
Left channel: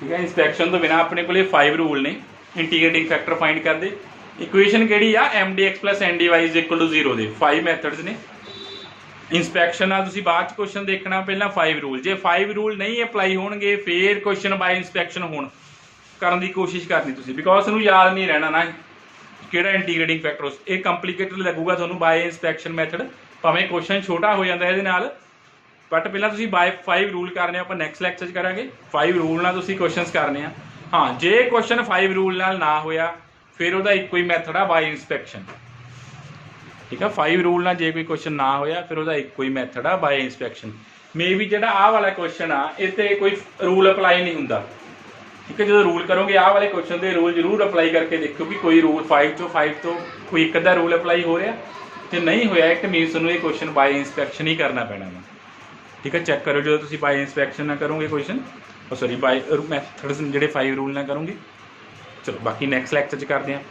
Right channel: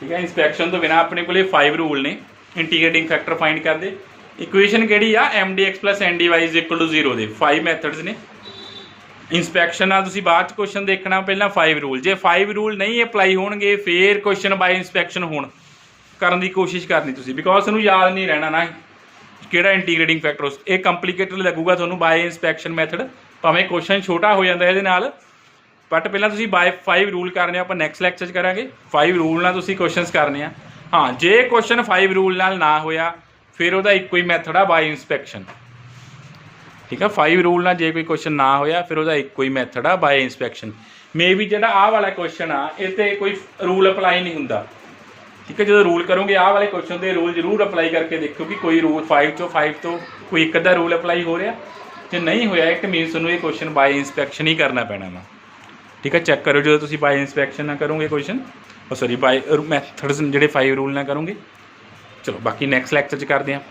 ठीक है, इंस्पैक्शन तो बिना अपने को 5 रूल ने। इंटीग्रेटिंग फैक्टर फाइंड कर दे, इक्वेशन किहड़ी आ mdx + ndy = 0 दे 5 मैथड्स ने। इंस्पैक्शन नाल तुसीं बाद क्वेश्चन देखना, पहलां 5 रूल। जे 5 रूल नहीं अप्लाई होणगे फिर क्वेश्चन बाय इंस्पैक्शन होण करने की कोशिश करनी तुसीं, बिकॉज तुहानूं याद नहीं रहना ना किहड़ा इंटीग्रेटिंग फैक्टर। ये कंप्लीकेटेड लगूगा तुहानूं बाय इंस्पैक्शन मैथड, भावें क्वेश्चन छोटा हो जाता है नाल, बट पहलां तुसीं बाय 5 रूल करने आपां नैक्सट लैक्चर च करांगे। 5 रूल नाल तुसीं क्वेश्चनस करने आ। हाँ, जे क्वेश्चन 5 रूल नाल ना होया फिर उहदा इक्को ही मैथड आ बाय इंस्पैक्शन। ठीक है, 5 रूल नाल जे कोई क्वेश्चन ना होया फिर उहदा इक्को ही मैथड आ बाय इंस्पैक्शन। मे बी जिहड़ा आ वाला क्वेश्चन आ इस ते कोई रूल अप्लाई नहीं हुंदा। ठीक है, जो रूल करोगे आ वाले क्वेश्चन के रूल जरूर अप्लाई करके देखो कि कोई रूल 5 तो कोई एक अद्धा रूल अप्लाई हो रहा, जो नहीं होया एक मीनस तुहानूं ये क्वेश्चन बाय इंस्पैक्शन ही करना पैना ना। ठीक है, चैक करो जो तुसीं बाय इंस्पैक्शन ना करोगे क्वेश्चन, सॉरी बाय मैथड्स जिहड़े 5 रूल ना करोगे। चलो बाकी नैक्सट लैक्चर च करते हैं आप।